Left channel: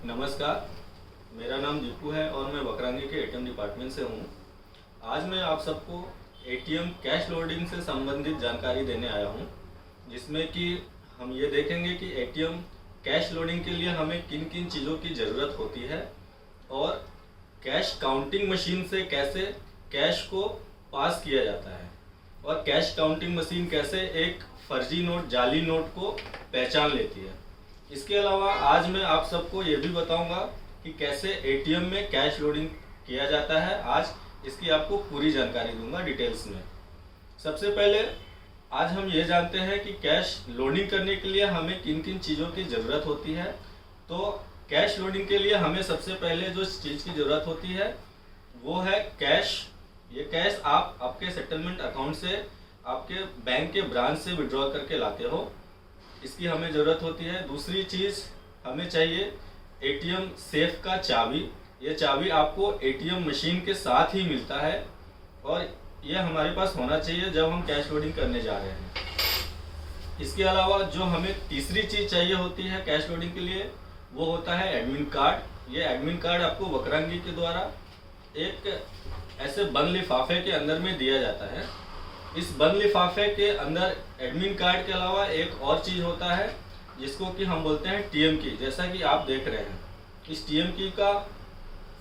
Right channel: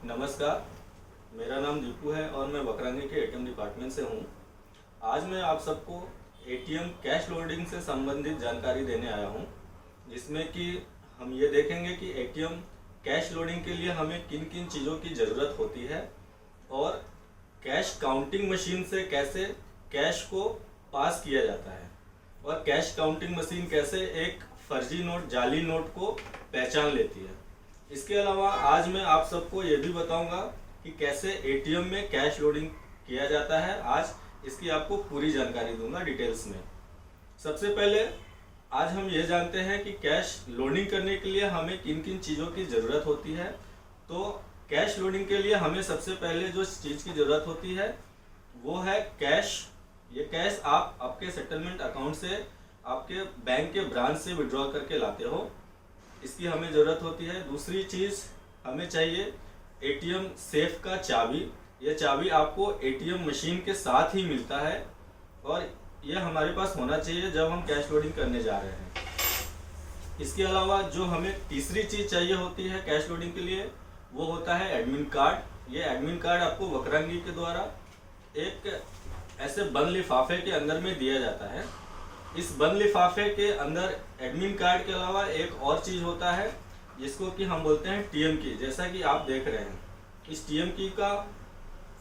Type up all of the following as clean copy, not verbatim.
नमस्कार, मेरा नाम दीपू है और मैं बकरंगी के एटीएम डिपार्टमेंट से हूँ। आज मैं आप सबको एटीएम कैश लोडिंग से संबंधित जानकारी देने आया हूँ, जिसमें कि हम ये देखेंगे कि एटीएम कैश लोडिंग के लिए हमें किन किन चीज़ों की ज़रूरत होती है और कैश काउंटिंग मशीन से कैसे कैश को पास किया जाता है और कैश काउंटिंग मशीन कैसे एक फर्जी नोट, जाली नोट को पहचान लेती है। इसके अलावा आज मैं आप सबको ये भी बताऊंगा कि कैसे एटीएम में कैश लोडिंग किया जाता है। आज इसकी आपको पूरी जानकारी दूंगा डिटेल्स में। सबसे पहले आज हम ये जानते हैं कि कैश लोडिंग करने के लिए हमें किन किन चीज़ों की ज़रूरत होती है। तो कैश लोडिंग के लिए हमें सबसे पहले जो चीज़ की ज़रूरत होती है वो है कैश। ये कैश आप आपके सेटलमेंट अकाउंट से आपके बैंक के ब्रांच से विड्रॉ करके लाते हो, इसकी हमें ज़रूरत होती है। दूसरी चीज़ हमें चाहिए एटीएम सेफ का चाबी। ये चाबी आपको एटीएम मशीन के साथ ही मिलता है और ये हमारे पास होना चाहिए जब हम कैश लोडिंग करने जा रहे हैं। इसके अलावा जो हमें तीसरी चीज़ चाहिए होती है कैश लोडिंग के लिए वो होता है एडमिन कार्ड। ये एडमिन कार्ड आपको बकरंगी के द्वारा एक ऐसे बंद लिफाफे के अंदर में दिया जाता है। इस बंद लिफाफे के अंदर एडमिन कार्ड के अलावा एक और चीज़ होता है जिसको कि हम बोलते हैं टीएम की। जैसा कि आप देख रहे हैं, इस टीएम की का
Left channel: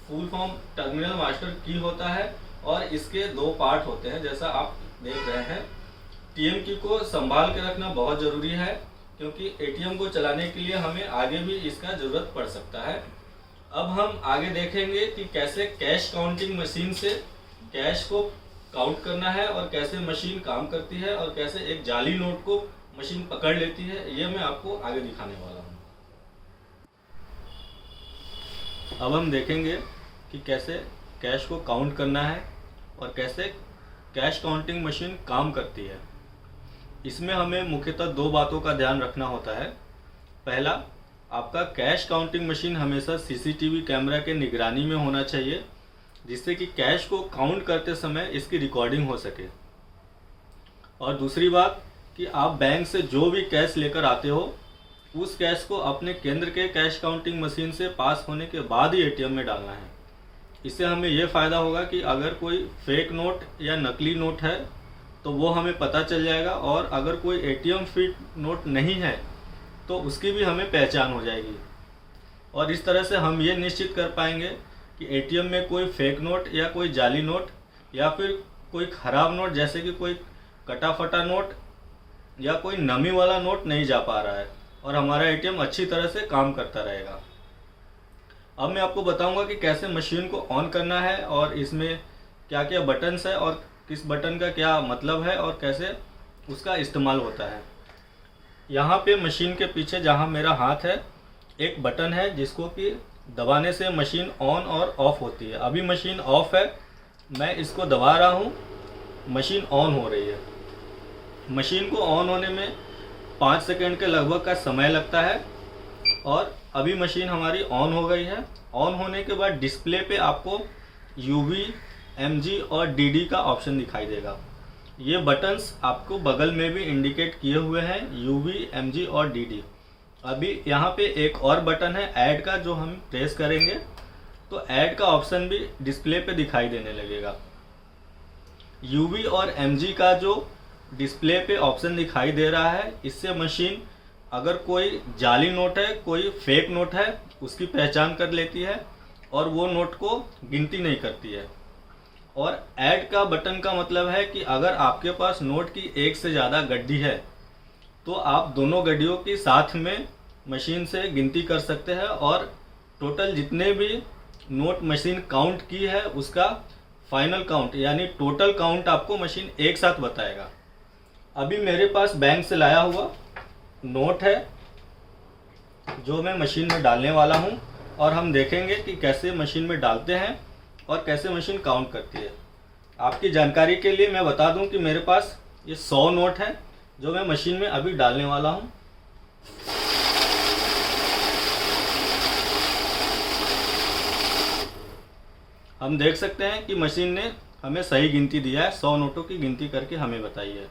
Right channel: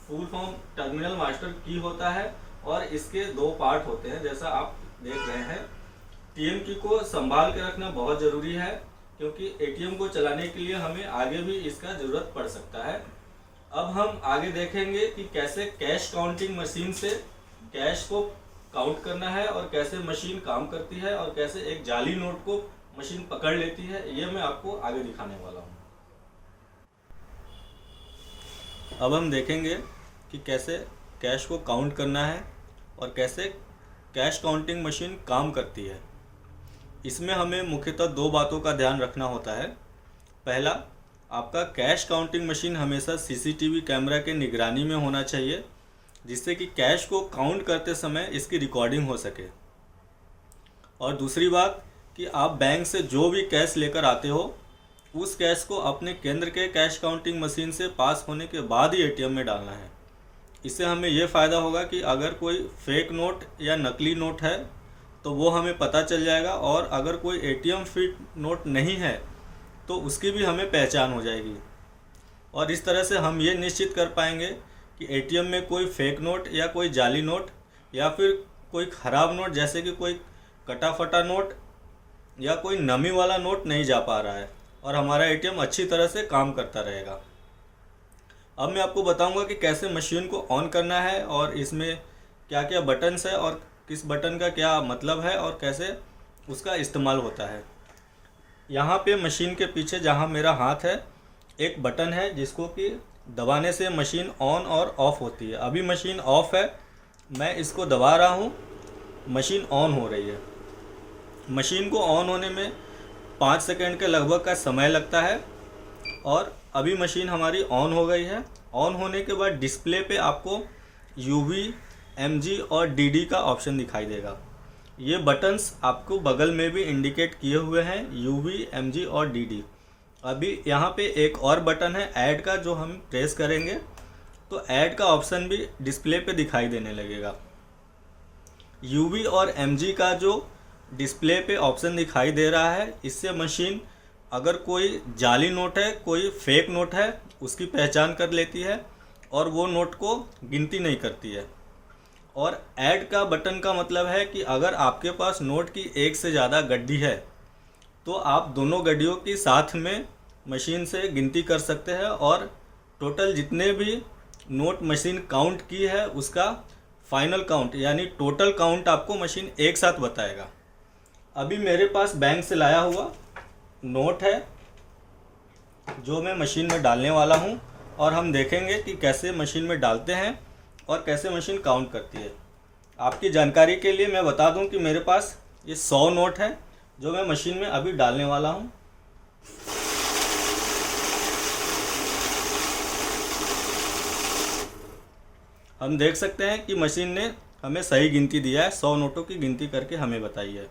फुल फॉर्म टर्मिनल मास्टर की होता है और इसके दो पार्ट होते हैं जैसा आप देख रहे हैं। टीएम की को संभाल के रखना बहुत ज़रूरी है क्योंकि एटीएम को चलाने के लिए हमें आगे भी इसका ज़रूरत पड़ सकता है। अब हम आगे देखेंगे कि कैसे कैश काउंटिंग मशीन से कैश को काउंट करना है और कैसे मशीन काम करती है और कैसे एक जाली नोट को मशीन पकड़ लेती है, ये मैं आपको आगे दिखाने वाला हूँ। अब हम देखेंगे कि कैसे कैश को काउंट करना है और कैसे कैश काउंटिंग मशीन काम करती है। इसमें हमें मुख्यतः दो बातों का ध्यान रखना होता है। पहला, आपका कैश काउंटिंग मशीन हमेशा सीसीटीवी कैमरा के निगरानी में होना चाहिए जिससे कि कैश को काउंट करते समय इसकी रिकॉर्डिंग हो सके। और दूसरी बात कि आप बैंक से जो भी कैश लेकर आते हो उस कैश को अपने केंद्र के कैश काउंटिंग मशीन से पास होने के बाद ही एटीएम में डालना है। इससे हमें यह फ़ायदा होगा कि अगर कोई फेक नोट या नकली नोट है तो वो हमें पता चल जाएगा और अगर कोई एटीएम फिट नोट नहीं है तो उसकी भी हमें पहचान हो जाएगी। और इस तरह से हम ये निश्चित कर पाएंगे कि एटीएम में कोई फेक नोट या कोई जाली नोट या फिर कोई ख़राब नोट जैसे कि कोई कटा फटा नोट या कोई नमी वाला नोट नहीं जा पा रहा है और हमारा एटीएम अच्छी तरह से काम करता रहेगा। अब मैं आपको बताऊंगा कि कैसे मशीन को ऑन करना है और इसमें क्या क्या बटन्स है और किस बटन का क्या मतलब है और कैसे उसका इस्तेमाल होता है। यहाँ पे मशीन के पीछे जहाँ मेरा हाथ है एक बटन है जिसको कि दबाने से मशीन ऑन और ऑफ होती है। अभी मशीन ऑफ है, मैं इसको दबा रहा हूँ, मशीन ऑन हो रही है। मशीन को ऑन होने में 5 सेकंड के लगभग का समय लगता है और अभी मशीन हमारी ऑन हो गई है। ऑन होने के बाद डिस्प्ले पे आपको UV, MG और DD का ऑप्शन दिखाई देगा। ये बटन्स आपको बगल में भी इंडिकेट किए हुए हैं, UV, MG और DD। अभी यहाँ पे एक और बटन है ऐड का, जो हम प्रेस करेंगे तो ऐड का ऑप्शन भी डिस्प्ले पे दिखाई देने लगेगा। UV और MG का जो डिस्प्ले पे ऑप्शन दिखाई दे रहा है, इससे मशीन अगर कोई जाली नोट है, कोई फेक नोट है, उसकी पहचान कर लेती है और वो नोट को गिनती नहीं करती है। और ऐड का बटन का मतलब है कि अगर आपके पास नोट की एक से ज़्यादा गड्डी है तो आप दोनों गड्डियों की साथ में मशीन से गिनती कर सकते हैं और टोटल जितने भी नोट मशीन काउंट की है उसका फाइनल काउंट यानी टोटल काउंट आपको मशीन एक साथ बताएगा। अभी मेरे पास बैंक से लाया हुआ नोट है जो मैं मशीन में डालने वाला हूं और हम देखेंगे कि कैसे मशीन में डालते हैं और कैसे मशीन काउंट करती है। आपकी जानकारी के लिए मैं बता दूं कि मेरे पास ये 100 नोट है जो मैं मशीन में अभी डालने वाला हूं। हम देख सकते हैं कि मशीन ने हमें सही गिनती दिया है, 100 नोटों की गिनती करके हमें बताई है।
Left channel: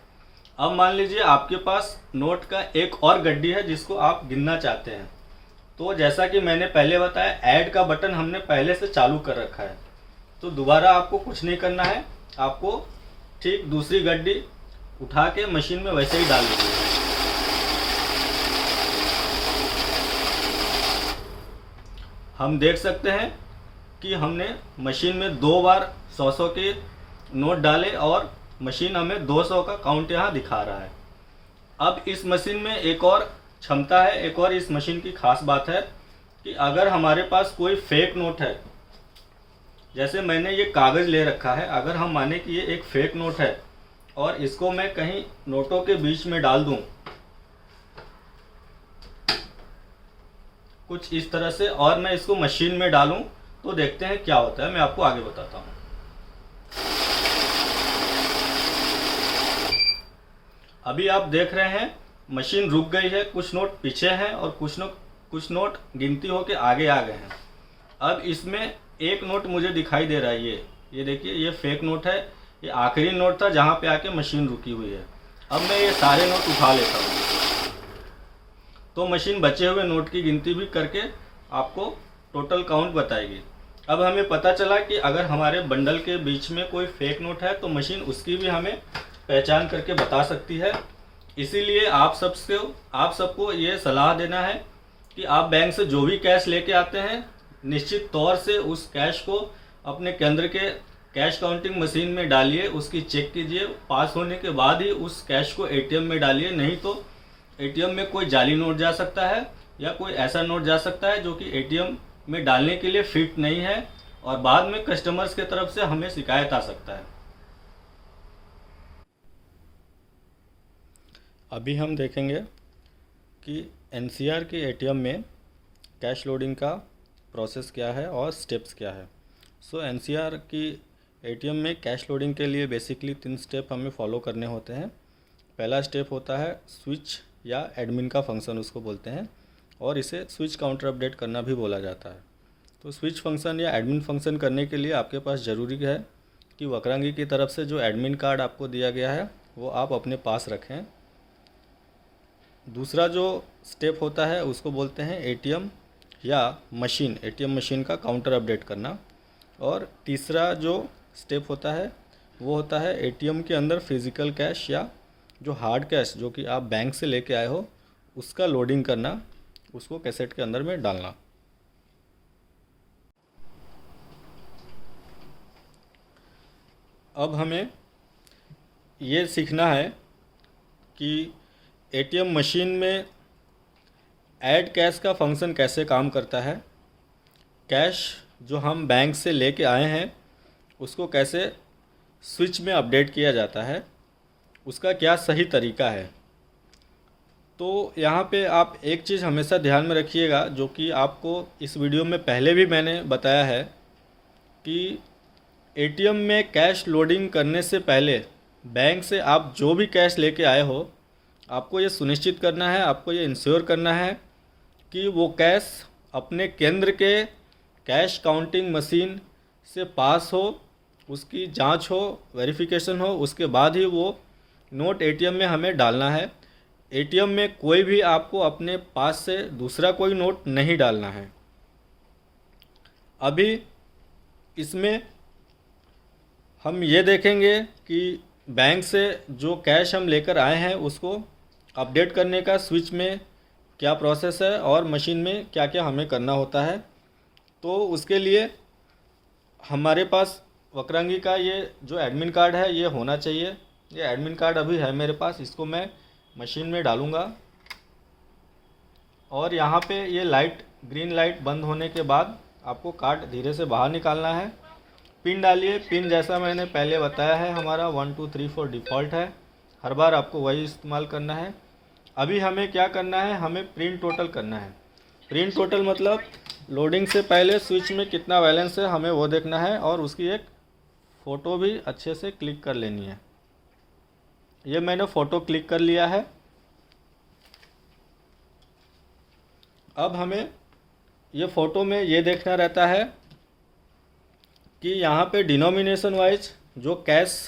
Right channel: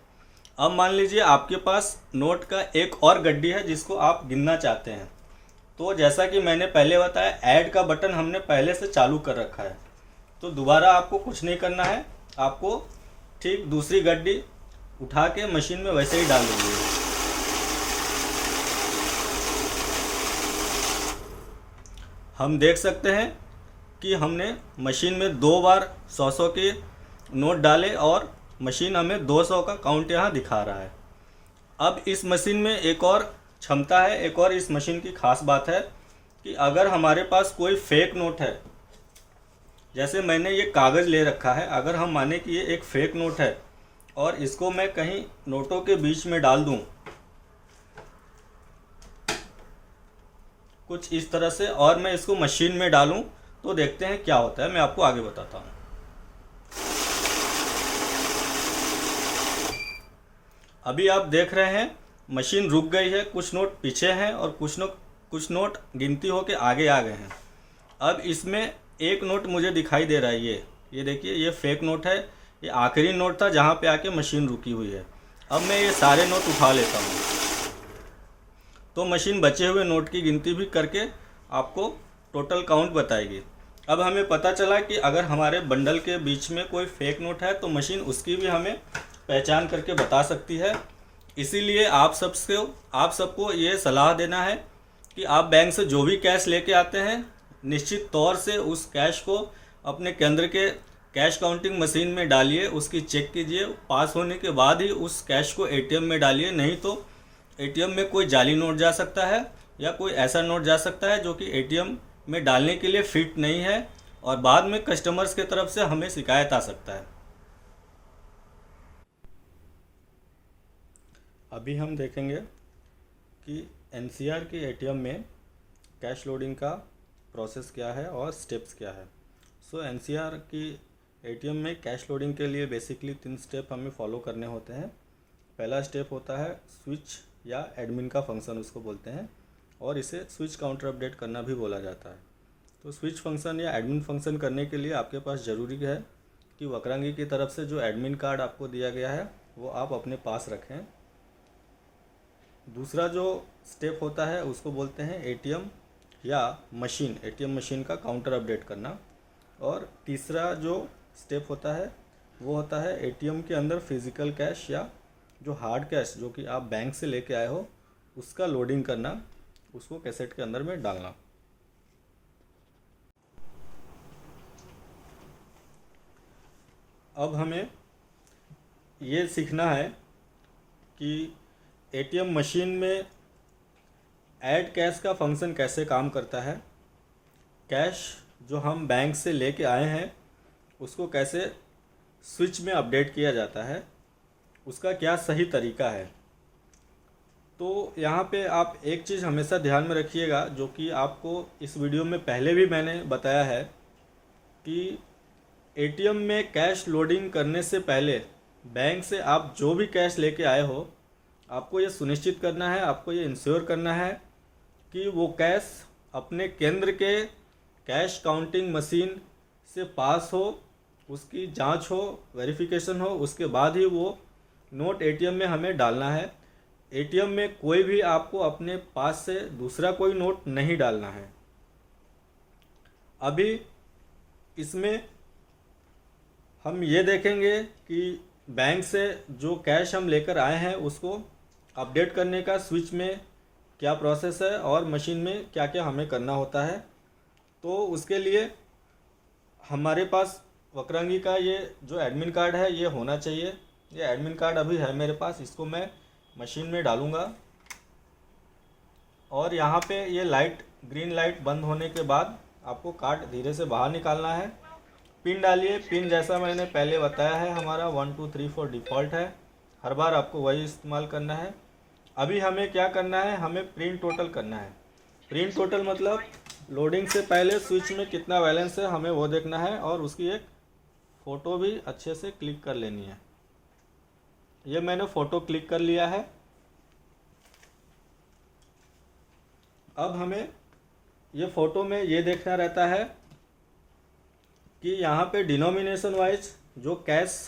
अब मान लीजिए आपके पास नोट का एक और गड्डी है जिसको आप गिनना चाहते हैं, तो जैसा कि मैंने पहले बताया, ऐड का बटन हमने पहले से चालू कर रखा है, तो दोबारा आपको कुछ नहीं करना है। आपको ठीक दूसरी गड्डी उठा के मशीन में वैसे ही डाल दीजिए। हम देख सकते हैं कि हमने मशीन में 2 बार 100 के नोट डाले और मशीन हमें 200 का काउंट यहाँ दिखा रहा है। अब इस मशीन में एक और क्षमता है, एक और इस मशीन की खास बात है कि अगर हमारे पास कोई फेक नोट है, जैसे मैंने ये कागज़ ले रखा है, अगर हम माने कि ये एक फेक नोट है और इसको मैं कहीं नोटों के बीच में डाल दूं कुछ इस तरह से, और मैं इसको मशीन में डालूं, तो देखते हैं क्या होता है। मैं आपको आगे बताता हूं। अभी आप देख रहे हैं मशीन रुक गई है, कुछ नोट पीछे हैं और कुछ नोट गिनती होके आगे आ गए हैं। अब इसमें एक नोट मुझे दिखाई दे रहा है, ये देखिए, ये फेक नोट है। ये आखिरी नोट था जहाँ पे आके मशीन रुकी हुई है। अब मैं ये सारे नोट उठा लेता हूँ, तो मशीन बचे हुए नोट की गिनती भी करके आपको टोटल काउंट बताएगी। अब हमें पता चला कि अगर हमारे बंडल के बीच में कोई फेक नोट है तो मशीन उसकी भी हमें पहचान करके बता सकती है। इसीलिए आप सबको ये सलाह देना है कि आप बैंक से जो भी कैश लेके आते हैं, निश्चित तौर से उस कैश को अपने केंद्र के कैश काउंटिंग मशीन में डालिए, उसकी चेक कीजिए, पास होने के बाद ही उस कैश को एटीएम में डालिए। नहीं तो एटीएम में कोई जाली नोट जा सकता है या कोई ऐसा नोट जा सकता है जो कि एटीएम में डालने के लिए फिट नहीं है, और बाद में कस्टमर्स की तरफ से हमें शिकायत आ सकता है। अभी हम देखेंगे कि एनसीआर के एटीएम में कैश लोडिंग का प्रोसेस क्या है और स्टेप्स क्या है। सो एनसीआर की एटीएम में कैश लोडिंग के लिए बेसिकली 3 स्टेप हमें फॉलो करने होते हैं। पहला स्टेप होता है स्विच या एडमिन का फंक्शन उसको बोलते हैं, और इसे स्विच काउंटर अपडेट करना भी बोला जाता है। तो स्विच फंक्शन या एडमिन फंक्शन करने के लिए आपके पास ज़रूरी है कि वक्रांगी की तरफ से जो एडमिन कार्ड आपको दिया गया है वो आप अपने पास रखें। दूसरा जो स्टेप होता है उसको बोलते हैं एटीएम मशीन का काउंटर अपडेट करना। और तीसरा जो स्टेप होता है वो होता है एटीएम के अंदर फिज़िकल कैश या जो हार्ड कैश जो कि आप बैंक से लेके आए हो उसका लोडिंग करना, उसको कैसेट के अंदर में डालना। अब हमें ये सीखना है कि एटीएम मशीन में ऐड कैश का फंक्शन कैसे काम करता है, कैश जो हम बैंक से लेके आए हैं उसको कैसे स्विच में अपडेट किया जाता है, उसका क्या सही तरीका है। तो यहाँ पे आप एक चीज़ हमेशा ध्यान में रखिएगा, जो कि आपको इस वीडियो में पहले भी मैंने बताया है कि एटीएम में कैश लोडिंग करने से पहले बैंक से आप जो भी कैश लेके आए हो, आपको ये सुनिश्चित करना है, आपको ये इंश्योर करना है कि वो कैश अपने केंद्र के कैश काउंटिंग मशीन से पास हो, उसकी जांच हो, वेरिफिकेशन हो, उसके बाद ही वो नोट एटीएम में हमें डालना है। एटीएम में कोई भी आपको अपने पास से दूसरा कोई नोट नहीं डालना है। अभी इसमें हम ये देखेंगे कि बैंक से जो कैश हम लेकर आए हैं उसको अपडेट करने का स्विच में क्या प्रोसेस है और मशीन में क्या क्या हमें करना होता है। तो उसके लिए हमारे पास वक्रांगी का ये जो एडमिन कार्ड है ये होना चाहिए। ये एडमिन कार्ड अभी है मेरे पास, इसको मैं मशीन में डालूँगा और यहाँ पे ये लाइट ग्रीन लाइट बंद होने के बाद आपको कार्ड धीरे से बाहर निकालना है। पिन डालिए। पिन जैसा मैंने पहले बताया है हमारा 1 2 3 4 डिफ़ॉल्ट है, हर बार आपको वही इस्तेमाल करना है। अभी हमें क्या करना है, हमें प्रिंट टोटल करना है। प्रिंट टोटल मतलब लोडिंग से पहले स्विच में कितना बैलेंस है हमें वो देखना है, और उसकी एक फ़ोटो भी अच्छे से क्लिक कर लेनी है। ये मैंने फ़ोटो क्लिक कर लिया है। अब हमें ये फ़ोटो में ये देखना रहता है कि यहाँ पे डिनोमिनेशन वाइज जो कैश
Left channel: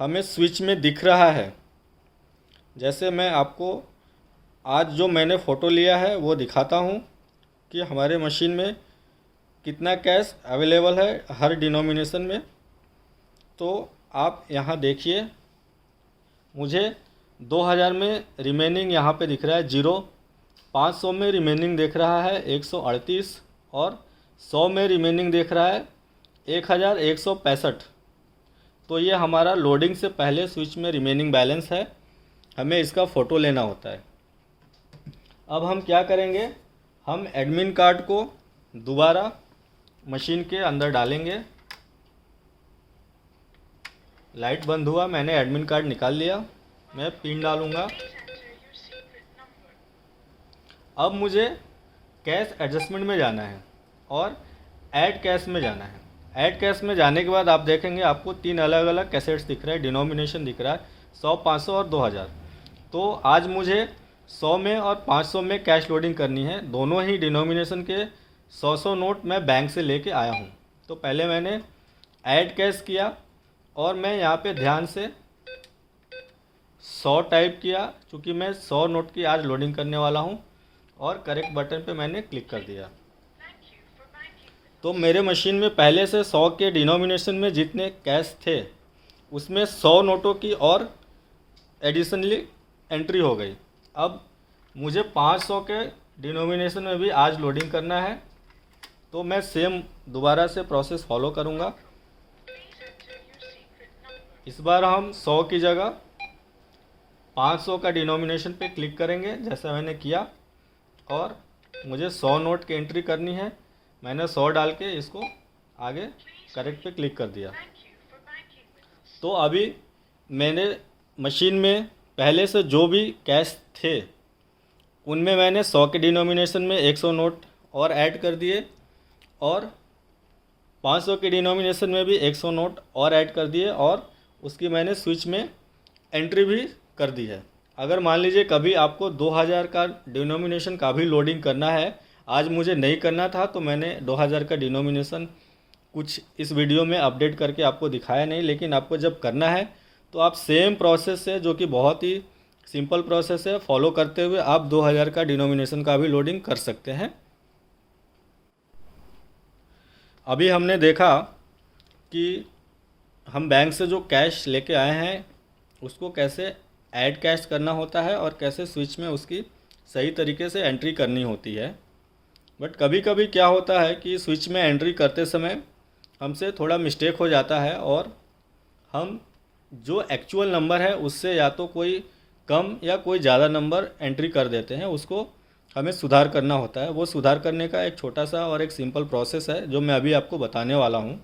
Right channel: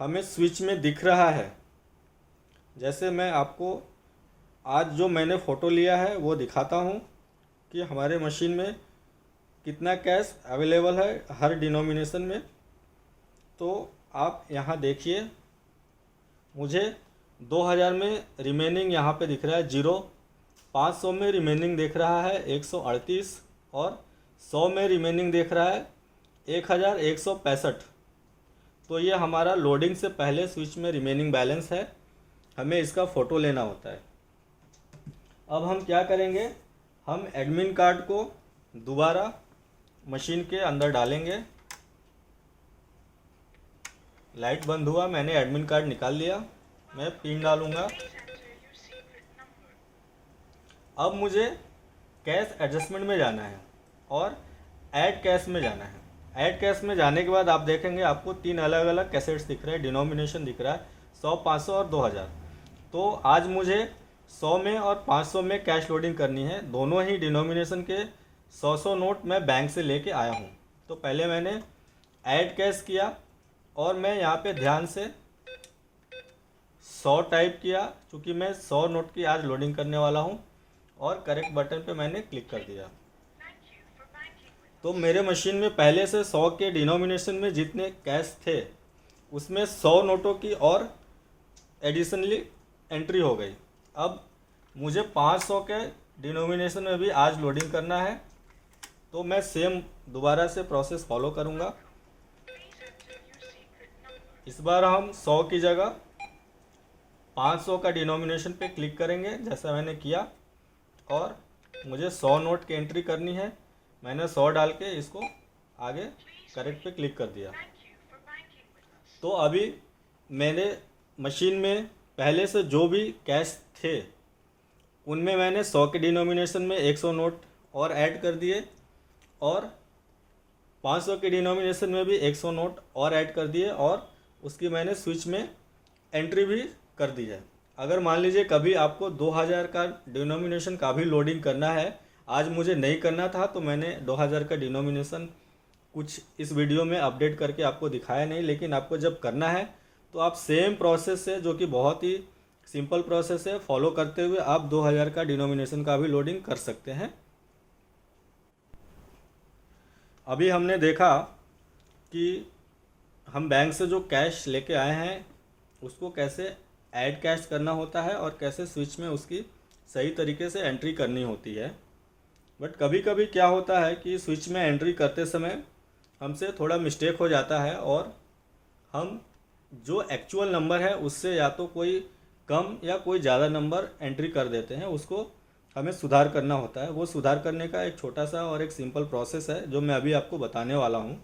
हमें स्विच में दिख रहा है, जैसे मैं आपको आज जो मैंने फ़ोटो लिया है वो दिखाता हूँ। कि हमारे मशीन में कितना कैश अवेलेबल है हर डिनोमिनेशन में। तो आप यहाँ देखिए, मुझे 2000 में रिमेनिंग यहाँ पे दिख रहा है 0, 500 में रिमेनिंग दिख रहा है 138 और 100 में रिमेनिंग दिख रहा है 1165। तो ये हमारा लोडिंग से पहले स्विच में रिमेनिंग बैलेंस है, हमें इसका फ़ोटो लेना होता है। अब हम क्या करेंगे, हम एडमिन कार्ड को दोबारा मशीन के अंदर डालेंगे। लाइट बंद हुआ, मैंने एडमिन कार्ड निकाल लिया, मैं पिन डालूँगा। अब मुझे कैश एडजस्टमेंट में जाना है और ऐड कैश में जाना है। ऐड कैश में जाने के बाद आप देखेंगे आपको 3 अलग अलग कैसेट्स दिख रहे हैं, डिनोमिनेशन दिख रहा है 100, 500 और 2000। तो आज मुझे 100 में और 500 में कैश लोडिंग करनी है। दोनों ही डिनोमिनेशन के 100 नोट मैं बैंक से लेके आया हूँ। तो पहले मैंने ऐड कैश किया और मैं यहाँ पे ध्यान से 100 टाइप किया, क्योंकि मैं 100 नोट की आज लोडिंग करने वाला हूँ, और करेक्ट बटन पे मैंने क्लिक कर दिया। तो मेरे मशीन में पहले से 100 के डिनोमिनेशन में जितने कैश थे उसमें 100 नोटों की और एडिशनली एंट्री हो गई। अब मुझे 500 के डिनोमिनेशन में भी आज लोडिंग करना है, तो मैं सेम दोबारा से प्रोसेस फॉलो करूँगा। इस बार हम 100 की जगह 500 का डिनोमिनेशन पे क्लिक करेंगे जैसा मैंने किया, और मुझे 100 नोट की एंट्री करनी है। मैंने 100 डाल के इसको आगे करेक्ट पे क्लिक कर दिया। तो अभी मैंने मशीन में पहले से जो भी कैश थे उनमें मैंने 100 के डिनोमिनेशन में 100 नोट और ऐड कर दिए, और 500 के डिनोमिनेशन में भी 100 नोट और ऐड कर दिए, और उसकी मैंने स्विच में एंट्री भी कर दी है। अगर मान लीजिए कभी आपको 2000 का डिनोमिनेशन का भी लोडिंग करना है, आज मुझे नहीं करना था तो मैंने 2000 का डिनोमिनेशन कुछ इस वीडियो में अपडेट करके आपको दिखाया नहीं, लेकिन आपको जब करना है तो आप सेम प्रोसेस से, जो कि बहुत ही सिंपल प्रोसेस है, फॉलो करते हुए आप 2000 का डिनोमिनेशन का भी लोडिंग कर सकते हैं। अभी हमने देखा कि हम बैंक से जो कैश लेके आए हैं उसको कैसे ऐड कैश करना होता है और कैसे स्विच में उसकी सही तरीके से एंट्री करनी होती है। बट कभी कभी क्या होता है कि स्विच में एंट्री करते समय हमसे थोड़ा मिस्टेक हो जाता है, और हम जो एक्चुअल नंबर है उससे या तो कोई कम या कोई ज़्यादा नंबर एंट्री कर देते हैं, उसको हमें सुधार करना होता है। वो सुधार करने का एक छोटा सा और एक सिंपल प्रोसेस है जो मैं अभी आपको बताने वाला हूँ।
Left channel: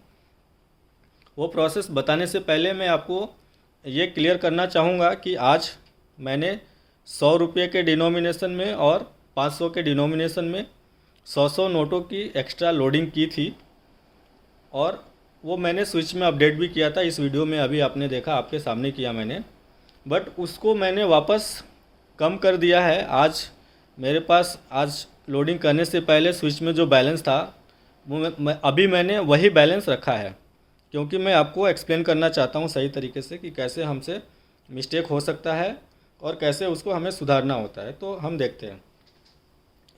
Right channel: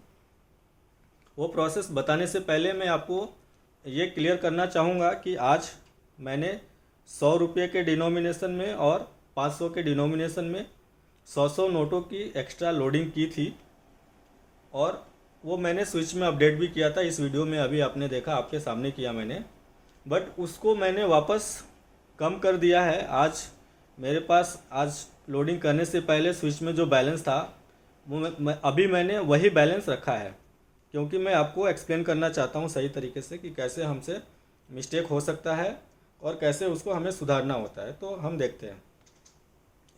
वो प्रोसेस बताने से पहले मैं आपको ये क्लियर करना चाहूँगा कि आज मैंने 100 रुपये के डिनोमिनेशन में और 500 के डिनोमिनेशन में 100 नोटों की एक्स्ट्रा लोडिंग की थी, और वो मैंने स्विच में अपडेट भी किया था। इस वीडियो में अभी आपने देखा, आपके सामने किया मैंने, बट उसको मैंने वापस कम कर दिया है। आज मेरे पास आज लोडिंग करने से पहले स्विच में जो बैलेंस था वो अभी मैंने वही बैलेंस रखा है, क्योंकि मैं आपको एक्सप्लेन करना चाहता हूँ सही तरीके से कि कैसे हमसे मिस्टेक हो सकता है और कैसे उसको हमें सुधारना होता है। तो हम देखते हैं।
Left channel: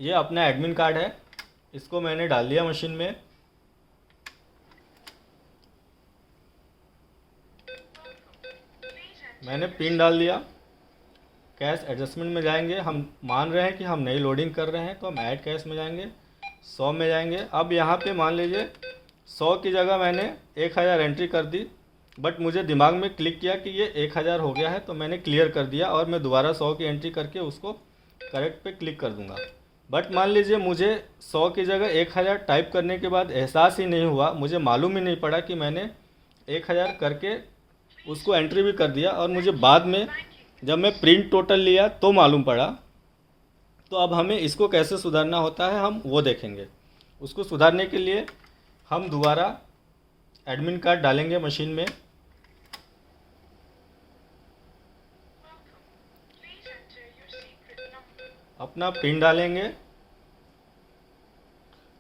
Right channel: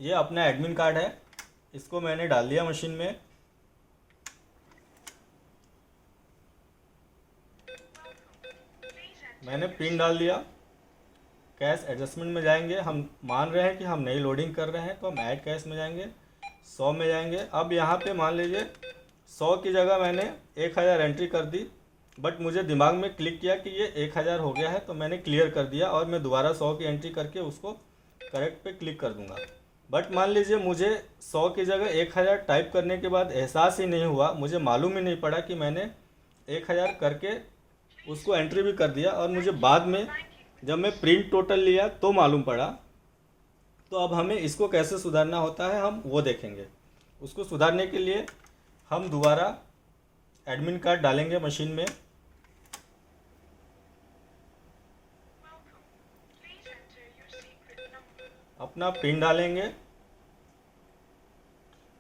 ये अपना एडमिन कार्ड है, इसको मैंने डाल दिया मशीन में। मैंने पिन डाल दिया। कैश एडजस्टमेंट में जाएंगे, हम मान रहे हैं कि हम नई लोडिंग कर रहे हैं तो हम ऐड कैश में जाएंगे, 100 में जाएंगे। अब यहाँ पे मान लीजिए 100 की जगह मैंने 1000 एंट्री कर दी, बट मुझे दिमाग में क्लिक किया कि ये 1000 हो गया है, तो मैंने क्लियर कर दिया और मैं दोबारा 100 की एंट्री करके उसको करेक्ट पे क्लिक कर दूंगा। बट मान लीजिए मुझे 100 की जगह 1000 टाइप करने के बाद एहसास ही नहीं हुआ, मुझे मालूम ही नहीं पड़ा कि मैंने 1000 करके उसको एंट्री भी कर दिया, और मुझे बाद में जब मैं प्रिंट टोटल लिया तो मालूम पड़ा। तो अब हमें इसको कैसे सुधारना होता है हम वो देखेंगे। उसको सुधारने के लिए हम दोबारा एडमिन कार्ड डालेंगे मशीन में। अपना पिन डालेंगे।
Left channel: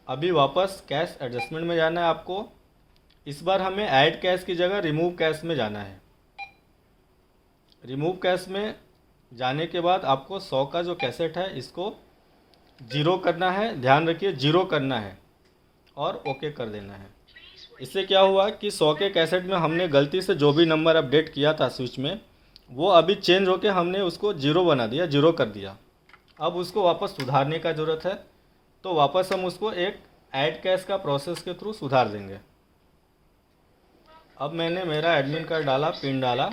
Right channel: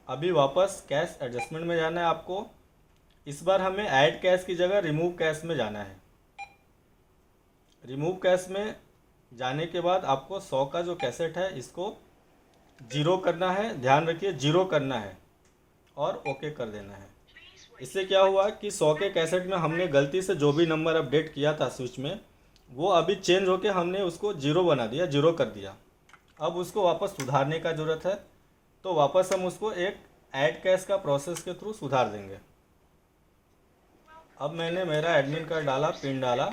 अभी वापस कैश एडजस्टमेंट में जाना है आपको। इस बार हमें ऐड कैश की जगह रिमूव कैश में जाना है। रिमूव कैश में जाने के बाद आपको 100 का जो कैसेट है इसको जीरो करना है, ध्यान रखिए जीरो करना है और ओके कर देना है। इससे क्या हुआ कि 100 के कैसेट में हमने गलती से जो भी नंबर अपडेट किया था स्विच में, वो अभी चेंज होके हमने उसको जीरो बना दिया, जीरो कर दिया। अब उसको वापस सुधारने का ज़रूरत है, तो वापस हम उसको एक ऐड कैश का प्रोसेस के थ्रू सुधार देंगे। अब मैंने मेरा एडमिन कार्ड डाला, पिन डाला,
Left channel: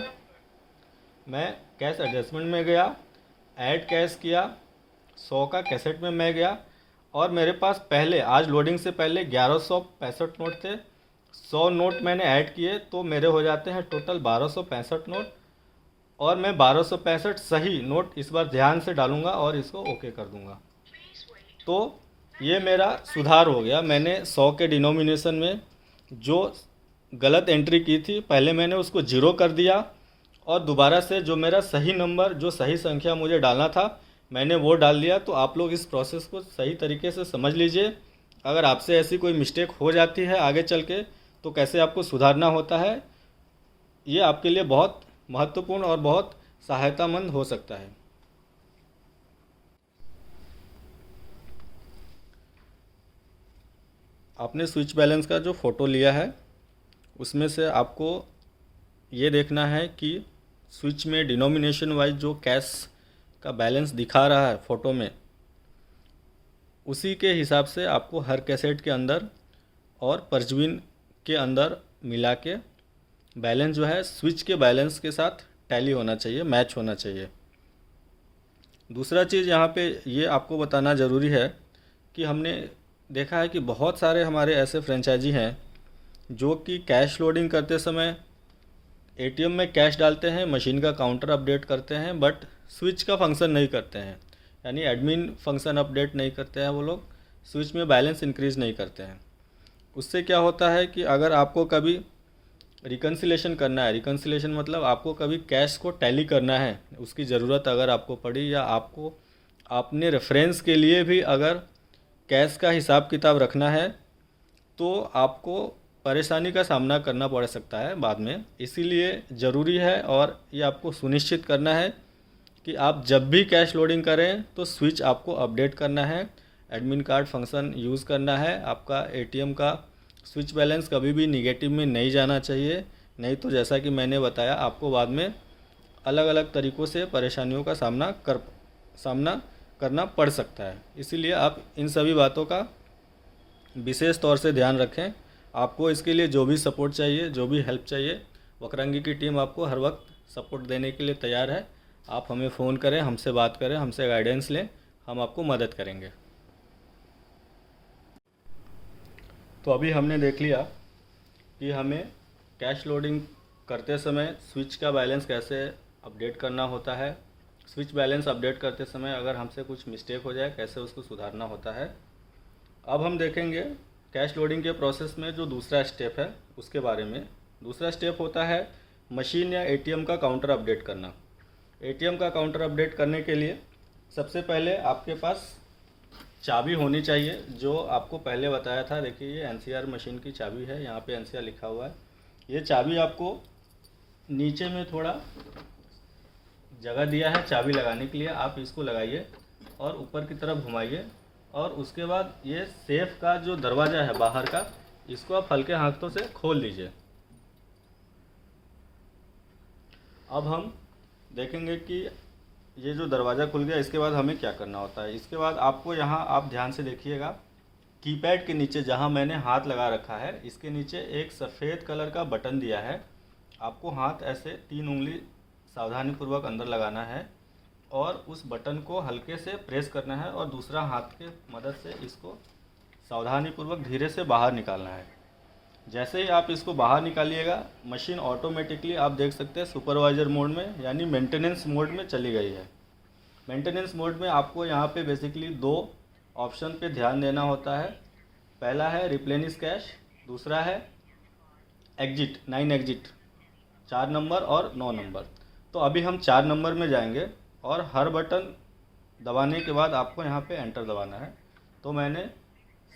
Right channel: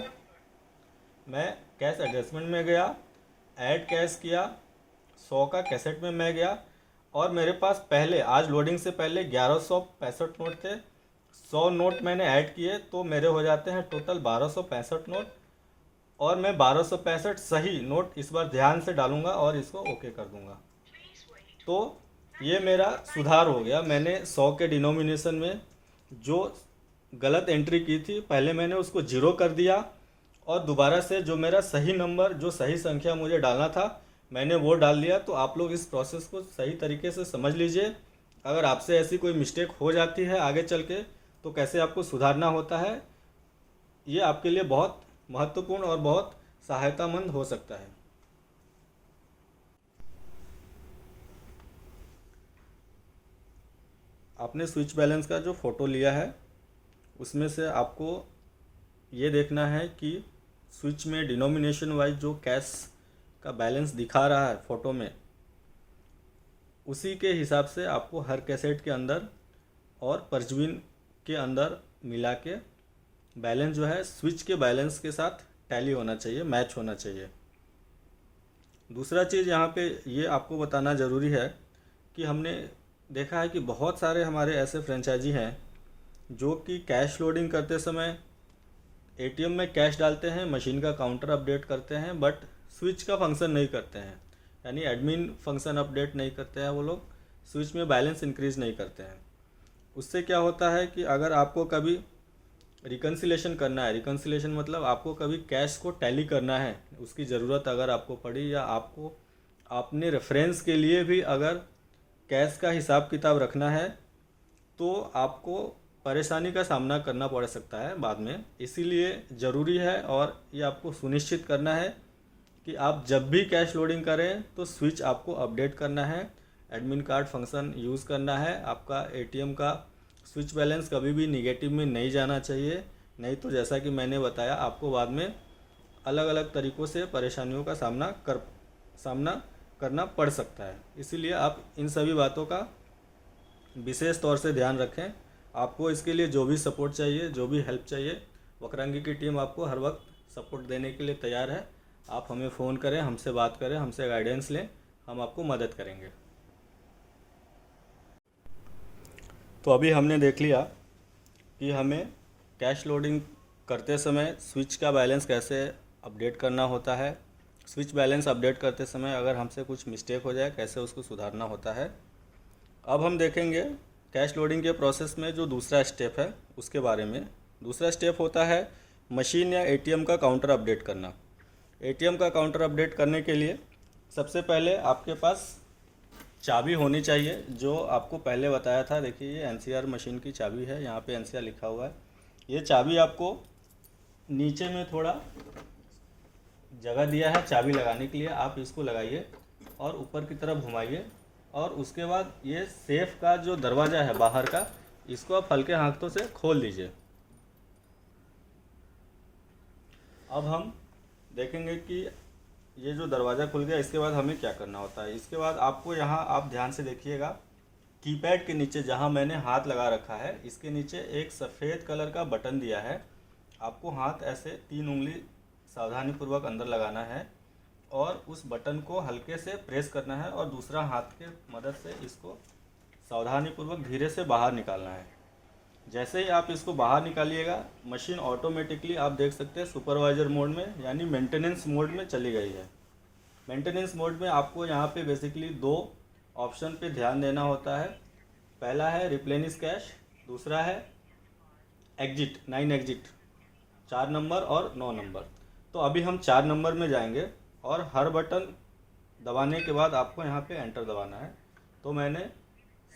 मैं कैश एडजस्टमेंट में गया, ऐड कैश किया, 100 का कैसेट में मैं गया और मेरे पास पहले आज लोडिंग से पहले 1165 नोट थे। 100 नोट मैंने ऐड किए तो मेरे हो जाते हैं टोटल 1265 नोट, और मैं 1265 सही नोट इस बार ध्यान से डालूंगा और इसको ओके कर दूंगा। तो ये मेरा सुधार हो गया। मैंने 100 के डिनोमिनेशन में जो गलत एंट्री की थी पहले मैंने उसको जीरो कर दिया, और दोबारा से जो मेरा सही नंबर, जो सही संख्या मुझे डालना था मैंने वो डाल दिया। तो आप लोग इस प्रोसेस को सही तरीके से समझ लीजिए। अगर आपसे ऐसी कोई मिस्टेक हो जाती है आगे चल के तो कैसे आपको सुधारना होता है, ये आपके लिए बहुत महत्वपूर्ण और बहुत सहायतामंद हो सकता है। आपने स्विच बैलेंस का जो फ़ोटो लिया है उसमें से आपको ये देखना है कि स्विच में डिनोमिनेशन वाइज जो कैश का बैलेंस दिखा रहा है फ़ोटो में, उसी के हिसाब से आपको हर कैसेट के अंदर और परजवीन के अंदर मिला के बैलेंस जो है स्विच के बैलेंस के साथ टैली होना चाहिए, मैच होना चाहिए। दूसरा चीज़ यहाँ पे ये आपको बताना ज़रूरी है कि हमने देखा है कि बहुत सारे हमारे ऐसे फ्रेंचाइजी हैं जो कि कैश लोडिंग करते समय एटीएम में कैश डालते हैं, मशीन का काउंटर अपडेट करते हैं, बट स्विच का फंक्शन नहीं करते हैं, यानी एडमिन फंक्शन अपडेट नहीं करते हैं। वो लोग स्विच में बैलेंस इंक्रीज़ नहीं करते हैं। उससे क्या होता है कि अगर आपको कभी रिकन्सिलेशन करना है, रिकन्सिलेशन मतलब आपको कभी कैश को टैली करना है, उसकी ज़रूरत अगर आपको पड़ी, या आपको अपने रेफरेंस के लिए भी अगर कैश का हिसाब किताब रखना है, तो आपको परेशानी का सामना करना पड़ सकता है बाद में। इसीलिए ज़रूरी है और ये आपको सुनिश्चित करना है कि आप जब भी कैश लोडिंग करें तो स्विच आपको अपडेट करना है, एडमिन कार्ड फंक्शन यूज़ करना है। आपका एटीएम का स्विच बैलेंस कभी भी निगेटिव में नहीं जाना चाहिए, नहीं तो जैसा कि मैंने बताया आपको बाद में अलग अलग तरीक़ों से परेशानियों का सामना करना पड़ सकता है। इसीलिए आप इन सभी बातों का विशेष तौर से ध्यान रखें। आपको इसके लिए जो भी सपोर्ट चाहिए, जो भी हेल्प चाहिए, वक्रांगी की टीम आपको हर वक्त सपोर्ट देने के लिए तैयार है। आप हमें फ़ोन करें, हमसे बात करें, हमसे गाइडेंस लें, हम आपको मदद करेंगे। तो अभी हमने देख लिया कि हमें कैश लोडिंग करते समय स्विच का बैलेंस कैसे अपडेट करना होता है। स्विच बैलेंस अपडेट करते समय अगर हमसे कुछ मिस्टेक हो जाए कैसे उसको सुधारना होता है। अब हम देखेंगे कैश लोडिंग के प्रोसेस में जो दूसरा स्टेप है उसके बारे में। दूसरा स्टेप होता है मशीन या एटीएम का काउंटर अपडेट करना। एटीएम का काउंटर अपडेट करने के लिए सबसे पहले आपके पास चाबी होनी चाहिए, जो आपको पहले बताया था। देखिए ये एनसीआर मशीन की चाबी है, यहाँ पे एनसीआर लिखा हुआ है। ये चाबी आपको नीचे में थोड़ा जगह दिया है चाबी लगाने के लिए, आप इसको लगाइए और ऊपर की तरफ घुमाइए, और उसके बाद ये सेफ का जो दरवाज़ा है बाहर का, इसको आप हल्के हाथों से खोल लीजिए। अब हम देखेंगे कि ये जो दरवाज़ा खुल गया, इसके बाद हमें क्या करना होता है। इसके बाद आपको यहाँ आप ध्यान से देखिएगा, कीपैड के नीचे जहाँ मैंने हाथ लगा रखा है इसके नीचे एक सफ़ेद कलर का बटन दिया है। आपको हाथ ऐसे 3 उंगली सावधानीपूर्वक अंदर लगाना है और उस बटन को हल्के से प्रेस करना है, और दूसरा हाथ के मदद से इसको सावधानीपूर्वक धीरे से बाहर निकालना है। जैसे ही आप इसको बाहर निकालिएगा, मशीन ऑटोमेटिकली आप देख सकते हैं सुपरवाइज़र मोड में यानी मेंटेनेंस मोड में चली गई है। मेंटेनेंस मोड में आपको यहाँ पे बेसिकली 2 ऑप्शन पे ध्यान देना होता है। पहला है रिप्लेनिश कैश, दूसरा है एग्जिट, 9 एग्जिट, 4 नंबर और 9 नंबर। तो अभी हम 4 नंबर में जाएंगे और हर बटन दबाने के बाद आपको यहाँ पे एंटर दबाना है। तो मैंने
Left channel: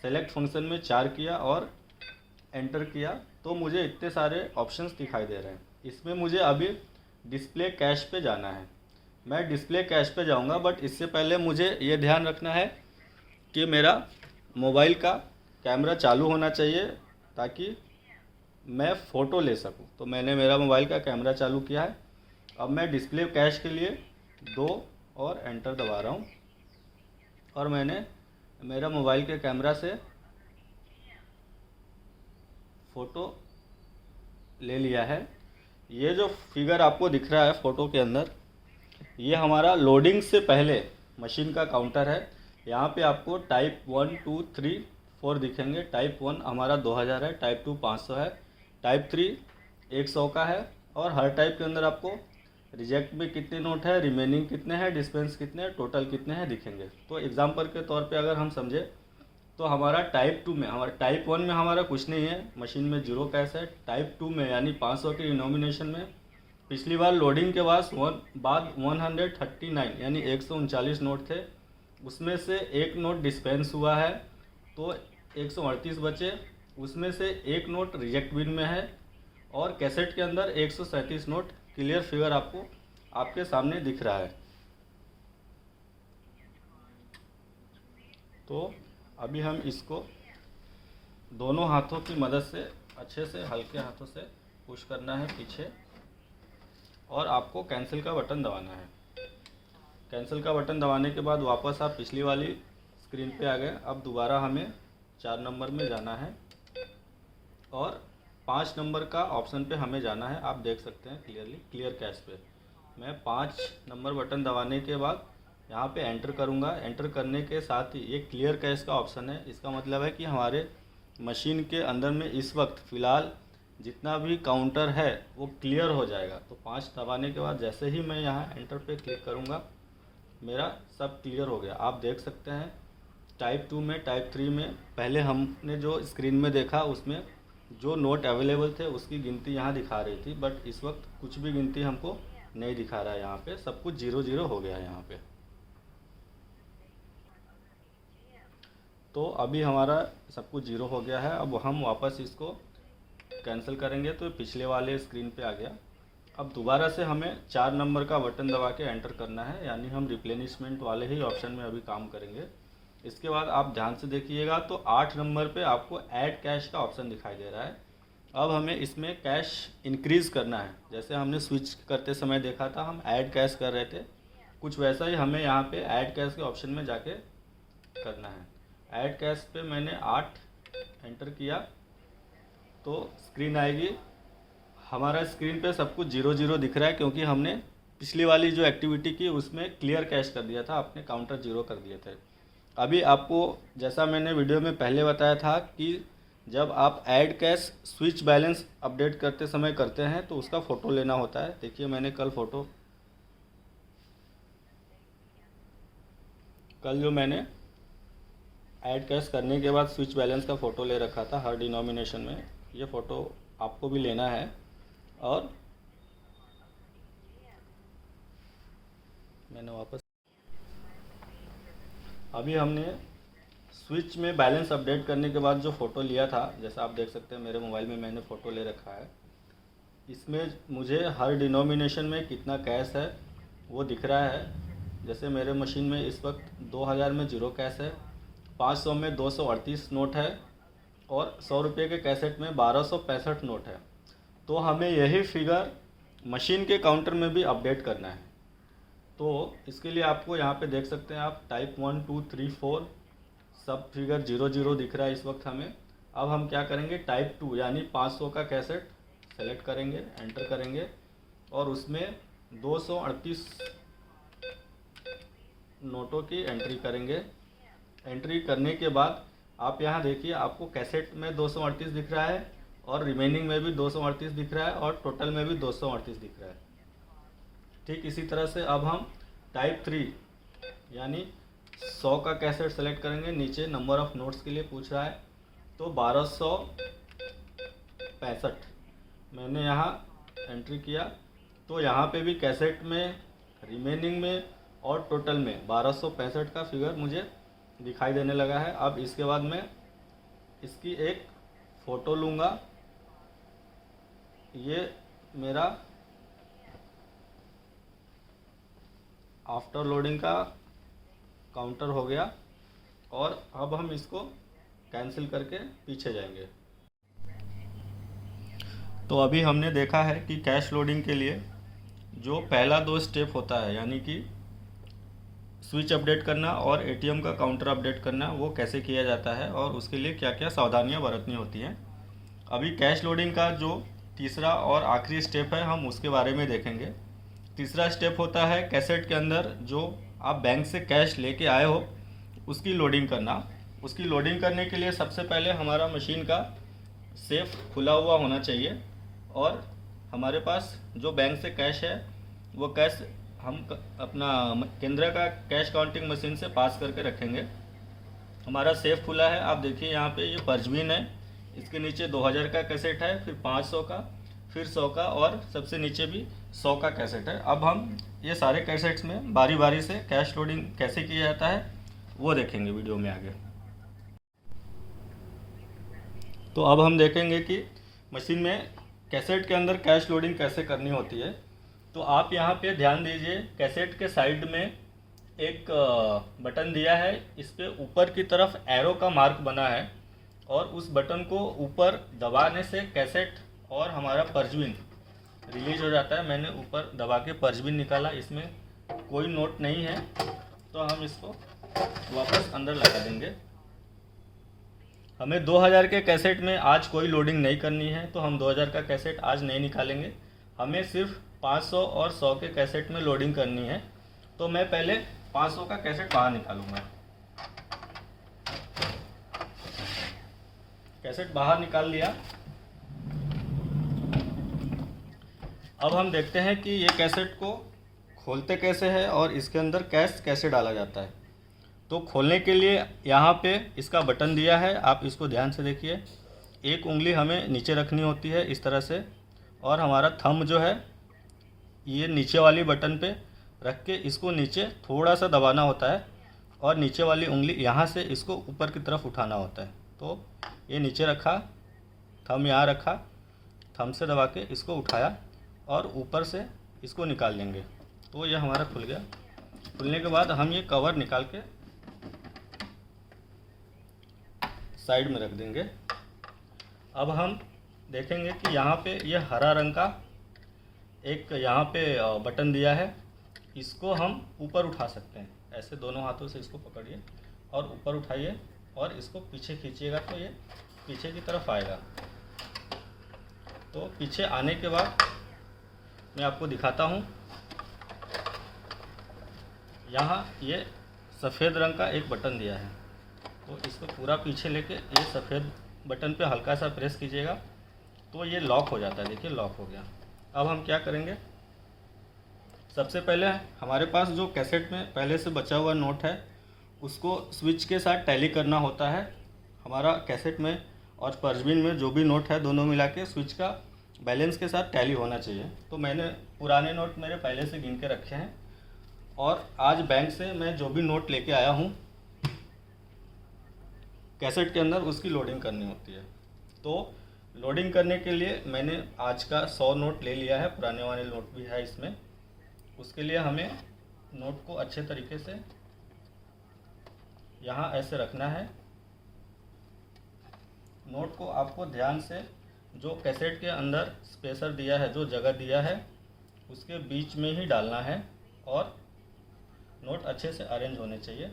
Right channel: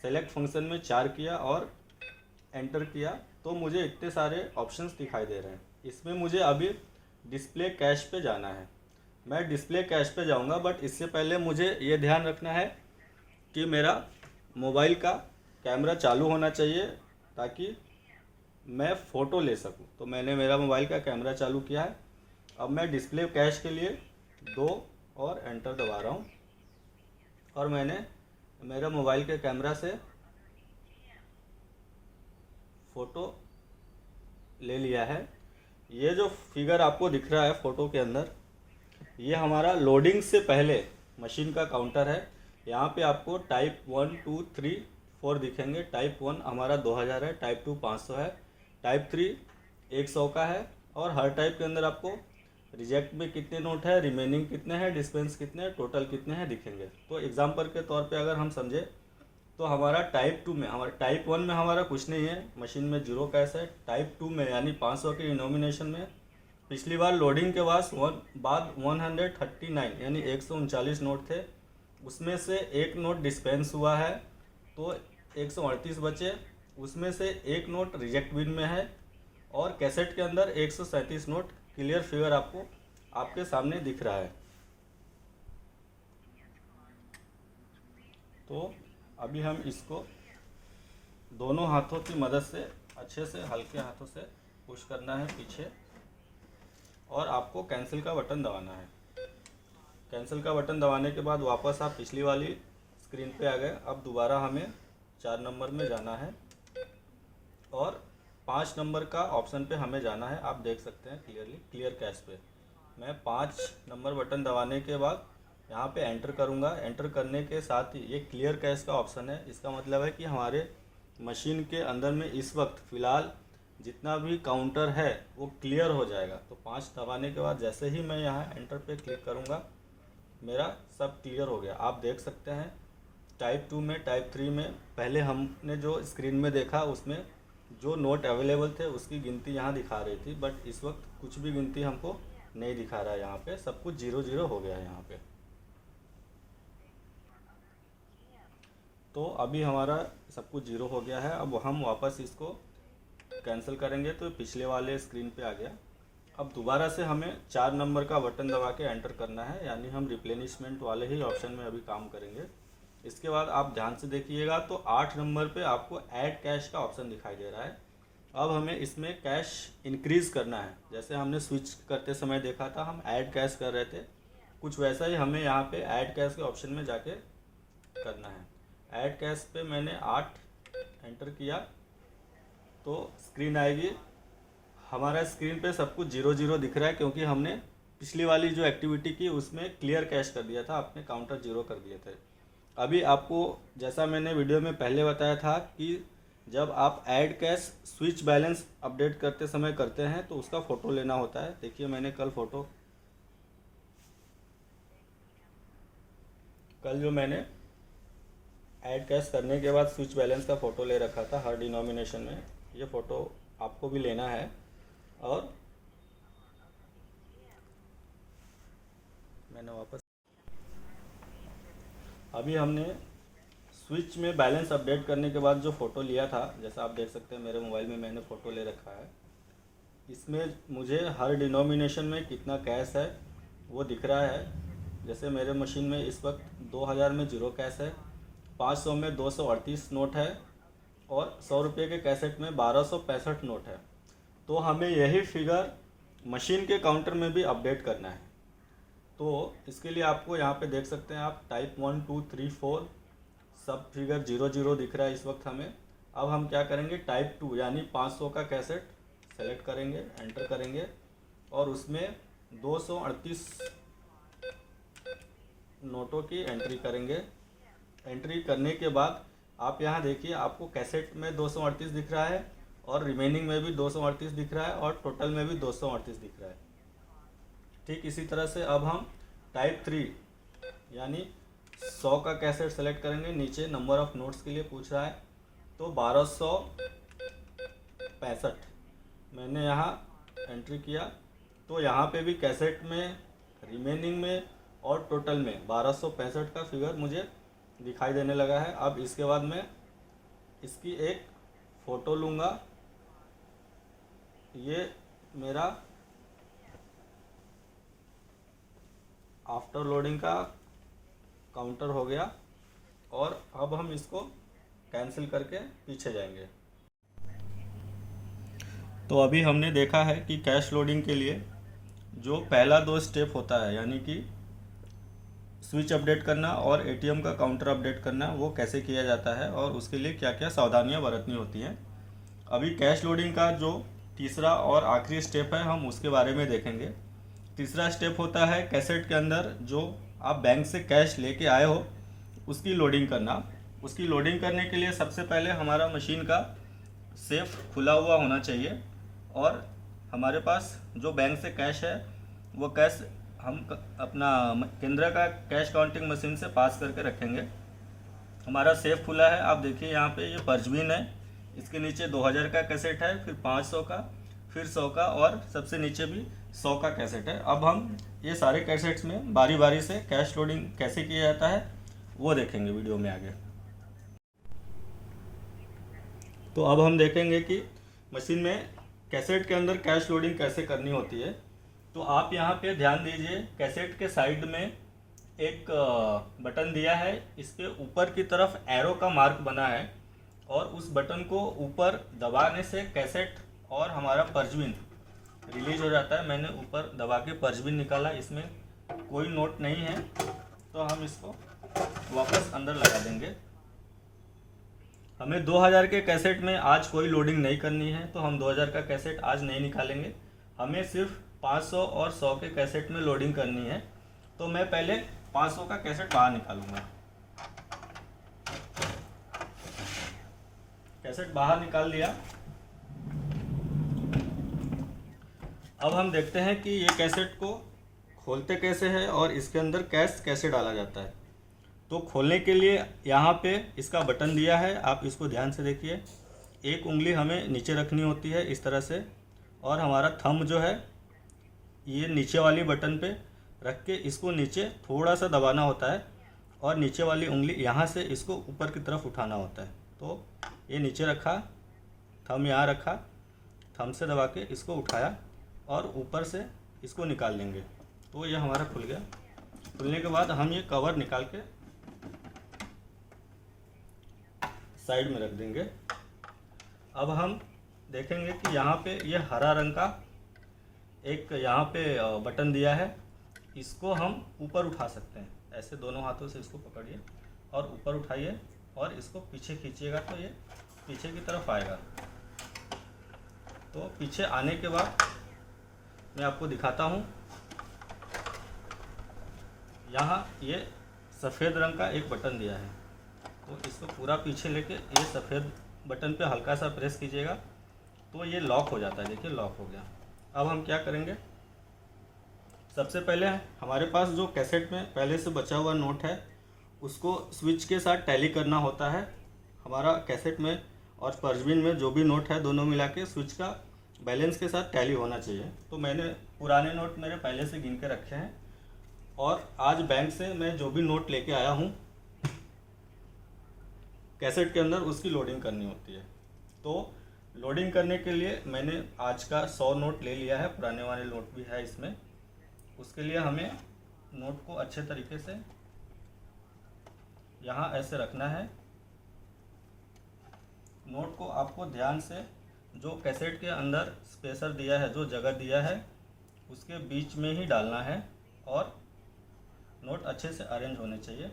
सेलेक्ट फंक्शन में 4 किया और एंटर किया, तो मुझे इतने सारे ऑप्शंस दिखाई दे रहे हैं। इसमें मुझे अभी डिस्प्ले कैश पे जाना है। मैं डिस्प्ले कैश पे जाऊंगा, बट इससे पहले मुझे ये ध्यान रखना है कि मेरा मोबाइल का कैमरा चालू होना चाहिए ताकि मैं फ़ोटो ले सकूं। तो मैंने मेरा मोबाइल का कैमरा चालू किया है। अब मैं डिस्प्ले कैश के लिए 2 और एंटर दबा रहा हूं और मैंने मेरा मोबाइल के कैमरा से फ़ोटो ले लिया है। ये जो फिगर आपको दिख रहा है फ़ोटो के अंदर, ये हमारा लोडिंग से पहले मशीन का काउंटर है। यहाँ पे आपको टाइप 1 2 3 4 दिखेंगे। टाइप 1 हमारा 2000 है, टाइप 2 500 है, टाइप 3 100 का है। और हर टाइप के अंदर आपको रिजेक्ट में कितने नोट है, रिमेनिंग कितने हैं, डिस्पेंस कितने हैं, टोटल कितने हैं दिखेंगे। तो एग्जाम्पल के तौर पे अगर हम समझे तो हमारा टाइप 2 में, हमारा टाइप 1 में हमारा कुछ नहीं है, मशीन में जीरो कैश है। टाइप 2 में यानी 500 के डिनोमिनेशन में पिछली बार लोडिंग के बाद 139 यानी 139 नोट थे, उसमें से एक नोट डिस्पेंस हुआ है तो 138 बचे। उसमें से एक नोट रिजेक्ट बिन में है और कैसेट के अंदर 137 नोट। क्लियर फिगर आपको आपके सामने दिख रहा है। तो अभी हम इसको दोनों हाथों की मदद से अच्छे से हल्के हाथों से पुश करना है पीछे और आपको कैंसिल का बटन दबाना है। कैंसिल का बटन दबाने के बाद वापस आप पिछली वाली स्क्रीन पे आ गए। अब दोबारा हमें 4 नंबर में जाना है और 5 नंबर का ऑप्शन पे हमें जाना है। आप देख सकते हैं क्लियरली, क्लियर कैश पे मैं 5 नंबर बटन दबाने के बाद यहाँ पे एंटर करूँगा। एंटर करने के साथ ही ये क्लियर कैश का ऑप्शन है। इसका मतलब है कि हमारे मशीन के अंदर में इस वक्त फ़िलहाल जितना भी काउंटर है वो क्लियर हो जाएगा। तो 5 दबाने के बाद जैसे ही मैं यहाँ एंटर पे क्लिक करूँगा मेरा सब क्लियर हो गया। आप देख सकते हैं टाइप 2 में, टाइप 3 में पहले हमने जो स्क्रीन में देखा उसमें जो नोट अवेलेबल थे उसकी गिनती यहाँ दिखा रही थी, बट इस वक्त कुछ भी गिनती हमको नहीं दिखा रहा है। यहाँ पे सब कुछ 0 हो गया है यहाँ पे। तो अभी हमारा सब कुछ 0 हो गया है। अब हम वापस इसको कैंसिल करेंगे तो पिछले वाले स्क्रीन पे आ गया। अब दोबारा से हमें 4 नंबर का बटन दबा के एंटर करना है, यानी हम रिप्लेनिशमेंट वाले ही ऑप्शन में अभी काम करेंगे। इसके बाद आप ध्यान से देखिएगा तो 8 नंबर पे आपको ऐड कैश का ऑप्शन दिखाई दे रहा है। अब हमें इसमें कैश इंक्रीज़ करना है। जैसे हमने स्विच करते समय देखा था हम ऐड कैश कर रहे थे, कुछ वैसा ही हमें यहाँ पे ऐड कैश के ऑप्शन में जाके करना है। ऐड कैश पे मैंने 8 एंटर किया तो स्क्रीन आएगी। हमारा स्क्रीन पे सब कुछ 0 दिख रहा है क्योंकि हमने पिछली वाली जो एक्टिविटी की उसमें क्लियर कैश कर दिया था, अपने काउंटर 0 कर दिए थे। अभी आपको जैसा मैंने वीडियो में पहले बताया था कि जब आप add cash switch balance update करते समय करते हैं तो उसका फ़ोटो लेना होता है। देखिए मैंने कल जो मैंने ऐड कैश करने के बाद स्विच बैलेंस का फ़ोटो ले रखा था हर डिनोमिनेशन में, ये फ़ोटो आपको भी लेना है। और मैंने वापस अभी हमने स्विच में बैलेंस अपडेट करने के बाद जो फ़ोटो लिया था, जैसा आप देख सकते हैं मेरे मोबाइल में मैंने फ़ोटो ले रखा है। इसमें मुझे हर डिनोमिनेशन में कितना कैश है वो दिख रहा है। जैसे मेरे मशीन में इस वक्त 2000 में 0 कैश है, 500 में 238 नोट है और 100 रुपये के कैसेट में 1265 नोट है। तो हमें यही फिगर मशीन के काउंटर में भी अपडेट करना है। तो इसके लिए आपको यहाँ पे देख सकते हैं आप टाइप 1 2 3 4 सब फिगर 0 दिख रहा है इस वक्त हमें। अब हम क्या करेंगे, टाइप 2 यानी 500 का कैसेट सेलेक्ट करेंगे, एंटर करेंगे और उसमें 238 नोटों की एंट्री करेंगे। एंट्री करने के बाद आप यहाँ देखिए आपको कैसेट में 238 दिख रहा है और रिमेनिंग में भी 238 दिख रहा है और टोटल में भी 238 दिख रहा है। ठीक इसी तरह से अब हम टाइप 3 यानी 100 का कैसेट सेलेक्ट करेंगे। नीचे नंबर ऑफ़ नोट्स के लिए पूछ रहा है तो 1265 मैंने यहाँ एंट्री किया। तो यहाँ पे भी कैसेट में, रिमेनिंग में और टोटल में 1265 का फिगर मुझे दिखाई देने लगा है। अब इसके बाद मैं इसकी एक फ़ोटो लूँगा। ये मेरा आफ्टर लोडिंग का काउंटर हो गया। और अब हम इसको कैंसिल करके पीछे जाएंगे। तो अभी हमने देखा है कि कैश लोडिंग के लिए जो पहला 2 स्टेप होता है, यानी कि स्विच अपडेट करना और एटीएम का काउंटर अपडेट करना, वो कैसे किया जाता है और उसके लिए क्या क्या सावधानियां बरतनी होती हैं। अभी कैश लोडिंग का जो तीसरा और आखिरी स्टेप है, हम उसके बारे में देखेंगे। तीसरा स्टेप होता है कैसेट के अंदर जो आप बैंक से कैश लेके आए हो उसकी लोडिंग करना। उसकी लोडिंग करने के लिए सबसे पहले हमारा मशीन का सेफ खुला हुआ होना चाहिए और हमारे पास जो बैंक से कैश है वो कैश हम अपना केंद्र का कैश काउंटिंग मशीन से पास करके रखेंगे। हमारा सेफ खुला है, आप देखिए यहाँ पे ये परजवीन है, इसके नीचे 2000 का कैसेट है, फिर 500 का, फिर 100 का और सबसे नीचे भी 100 का कैसेट है। अब हम ये सारे कैसेट्स में बारी बारी से कैश लोडिंग कैसे किया जाता है वो देखेंगे वीडियो में आगे। तो अब हम देखेंगे कि मशीन में कैसेट के अंदर कैश लोडिंग कैसे करनी होती है। तो आप यहाँ पे ध्यान दीजिए, कैसेट के साइड में एक बटन दिया है, इस पे ऊपर की तरफ एरो का मार्क बना है और उस बटन को ऊपर दबाने से कैसेट और हमारा परजवीन रिलीज हो जाता है। मैंने ऊपर दबा के परजवीन निकाला, इसमें कोई नोट नहीं है, तो हम इसको वापस अंदर लगा देंगे। हमें 2000 के कैसेट में आज कोई लोडिंग नहीं करनी है, तो हम 2000 का कैसेट आज नहीं निकालेंगे। हमें सिर्फ 500 और 100 के कैसेट में लोडिंग करनी है। तो मैं पहले 500 का कैसेट बाहर निकालूंगा। कैसेट बाहर निकाल लिया। अब हम देखते हैं कि ये कैसेट को खोलते कैसे है और इसके अंदर कैश कैसे डाला जाता है। तो खोलने के लिए यहाँ पे इसका बटन दिया है, आप इसको ध्यान से देखिए। एक उंगली हमें नीचे रखनी होती है इस तरह से, और हमारा थंब जो है ये नीचे वाली बटन पे रख के इसको नीचे थोड़ा सा दबाना होता है और नीचे वाली उंगली यहाँ से इसको ऊपर की तरफ उठाना होता है। तो ये नीचे रखा, थंब यहाँ रखा, थंब से दबा के इसको उठाया और ऊपर से इसको निकाल लेंगे। तो ये हमारा खुल गया। खुलने के बाद हम ये कवर निकाल के साइड में रख देंगे। अब हम देखेंगे कि यहाँ पे ये हरा रंग का एक यहाँ पे बटन दिया है, इसको हम ऊपर उठा सकते हैं। ऐसे दोनों हाथों से इसको पकड़िए और ऊपर उठाइए और इसको पीछे खींचिएगा तो ये पीछे की तरफ आएगा। तो पीछे आने के बाद मैं आपको दिखाता हूँ। यहाँ ये सफ़ेद रंग का एक बटन दिया है, तो इसको पूरा पीछे लेके ये सफ़ेद बटन पे हल्का सा प्रेस कीजिएगा तो ये लॉक हो जाता है। देखिए लॉक हो गया। अब हम क्या करेंगे, सबसे पहले हमारे पास जो कैसेट में पहले से बचा हुआ नोट है उसको स्विच के साथ टैली करना होता है। हमारा कैसेट में और परजवीन में जो भी नोट है दोनों मिला के स्विच का बैलेंस के साथ टैली होना चाहिए। तो मैंने पुराने नोट मेरे पहले से गिन के रखे हैं और आज बैंक से मैं जो भी नोट लेके आया हूँ कैसेट के अंदर उसकी लोडिंग करनी होती है। तो लोडिंग करने के लिए मैंने आज का 100 नोट ले लिया है, पुराने वाले नोट भी है इसमें। उसके लिए हमें नोट को अच्छे तरीके से यहाँ ऐसे रखना है। नोट को आपको ध्यान से जो कैसेट के अंदर स्पेसर दिया है, जो जगह दिया है, उसके बीच में ही डालना है और नोट अच्छे से अरेंज होने चाहिए।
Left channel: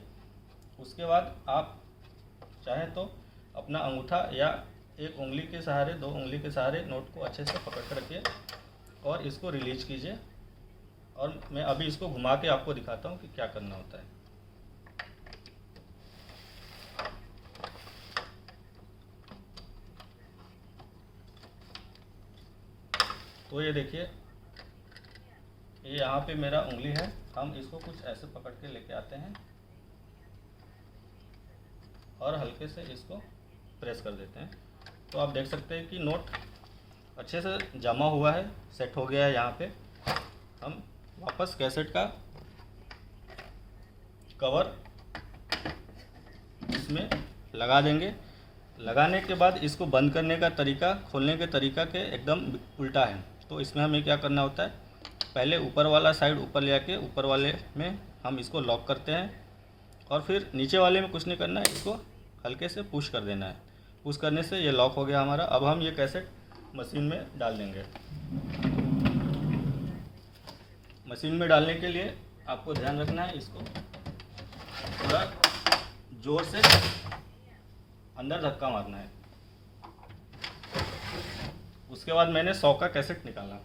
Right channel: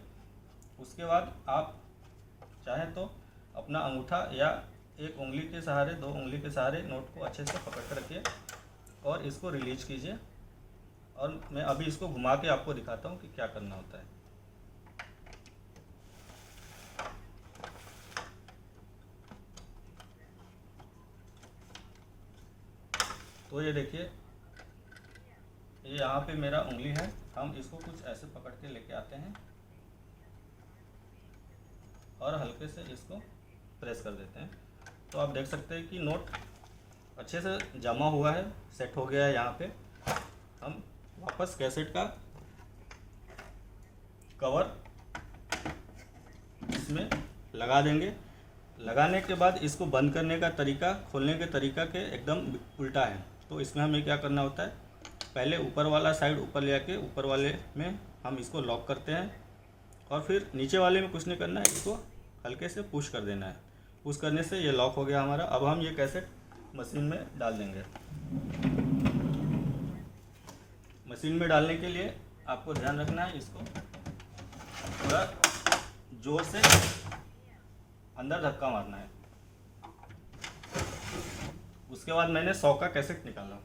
उसके बाद आप चाहें तो अपना अंगूठा या एक उंगली के सहारे, 2 उंगली के सहारे नोट को अच्छे से पकड़ कर रखिए और इसको रिलीज कीजिए। और मैं अभी इसको घुमा के आपको दिखाता हूँ कि क्या करना होता है। तो ये देखिए, ये यहाँ पे मेरा उंगली है, हम इसको कुछ ऐसे पकड़ के लेके आते हैं और हल्के से इसको प्रेस कर देते हैं। तो आप देख सकते हैं कि नोट अच्छे से जमा हुआ है, सेट हो गया है। यहाँ पे हम वापस कैसेट का कवर इसमें लगा देंगे। लगाने के बाद इसको बंद करने का तरीका खोलने के तरीका के एकदम उल्टा है। तो इसमें हमें क्या करना होता है, पहले ऊपर वाला साइड ऊपर ले आके ऊपर वाले में हम इसको लॉक करते हैं और फिर नीचे वाले में कुछ नहीं करना है, इसको हल्के से पुश कर देना है। पुश करने से ये लॉक हो गया हमारा। अब हम ये कैसेट मशीन में डाल देंगे। मशीन में डालने के लिए आपको ध्यान रखना है, इसको थोड़ा जोर से अंदर धक्का मारना है। उसके बाद मैंने 100 का कैसेट निकाला।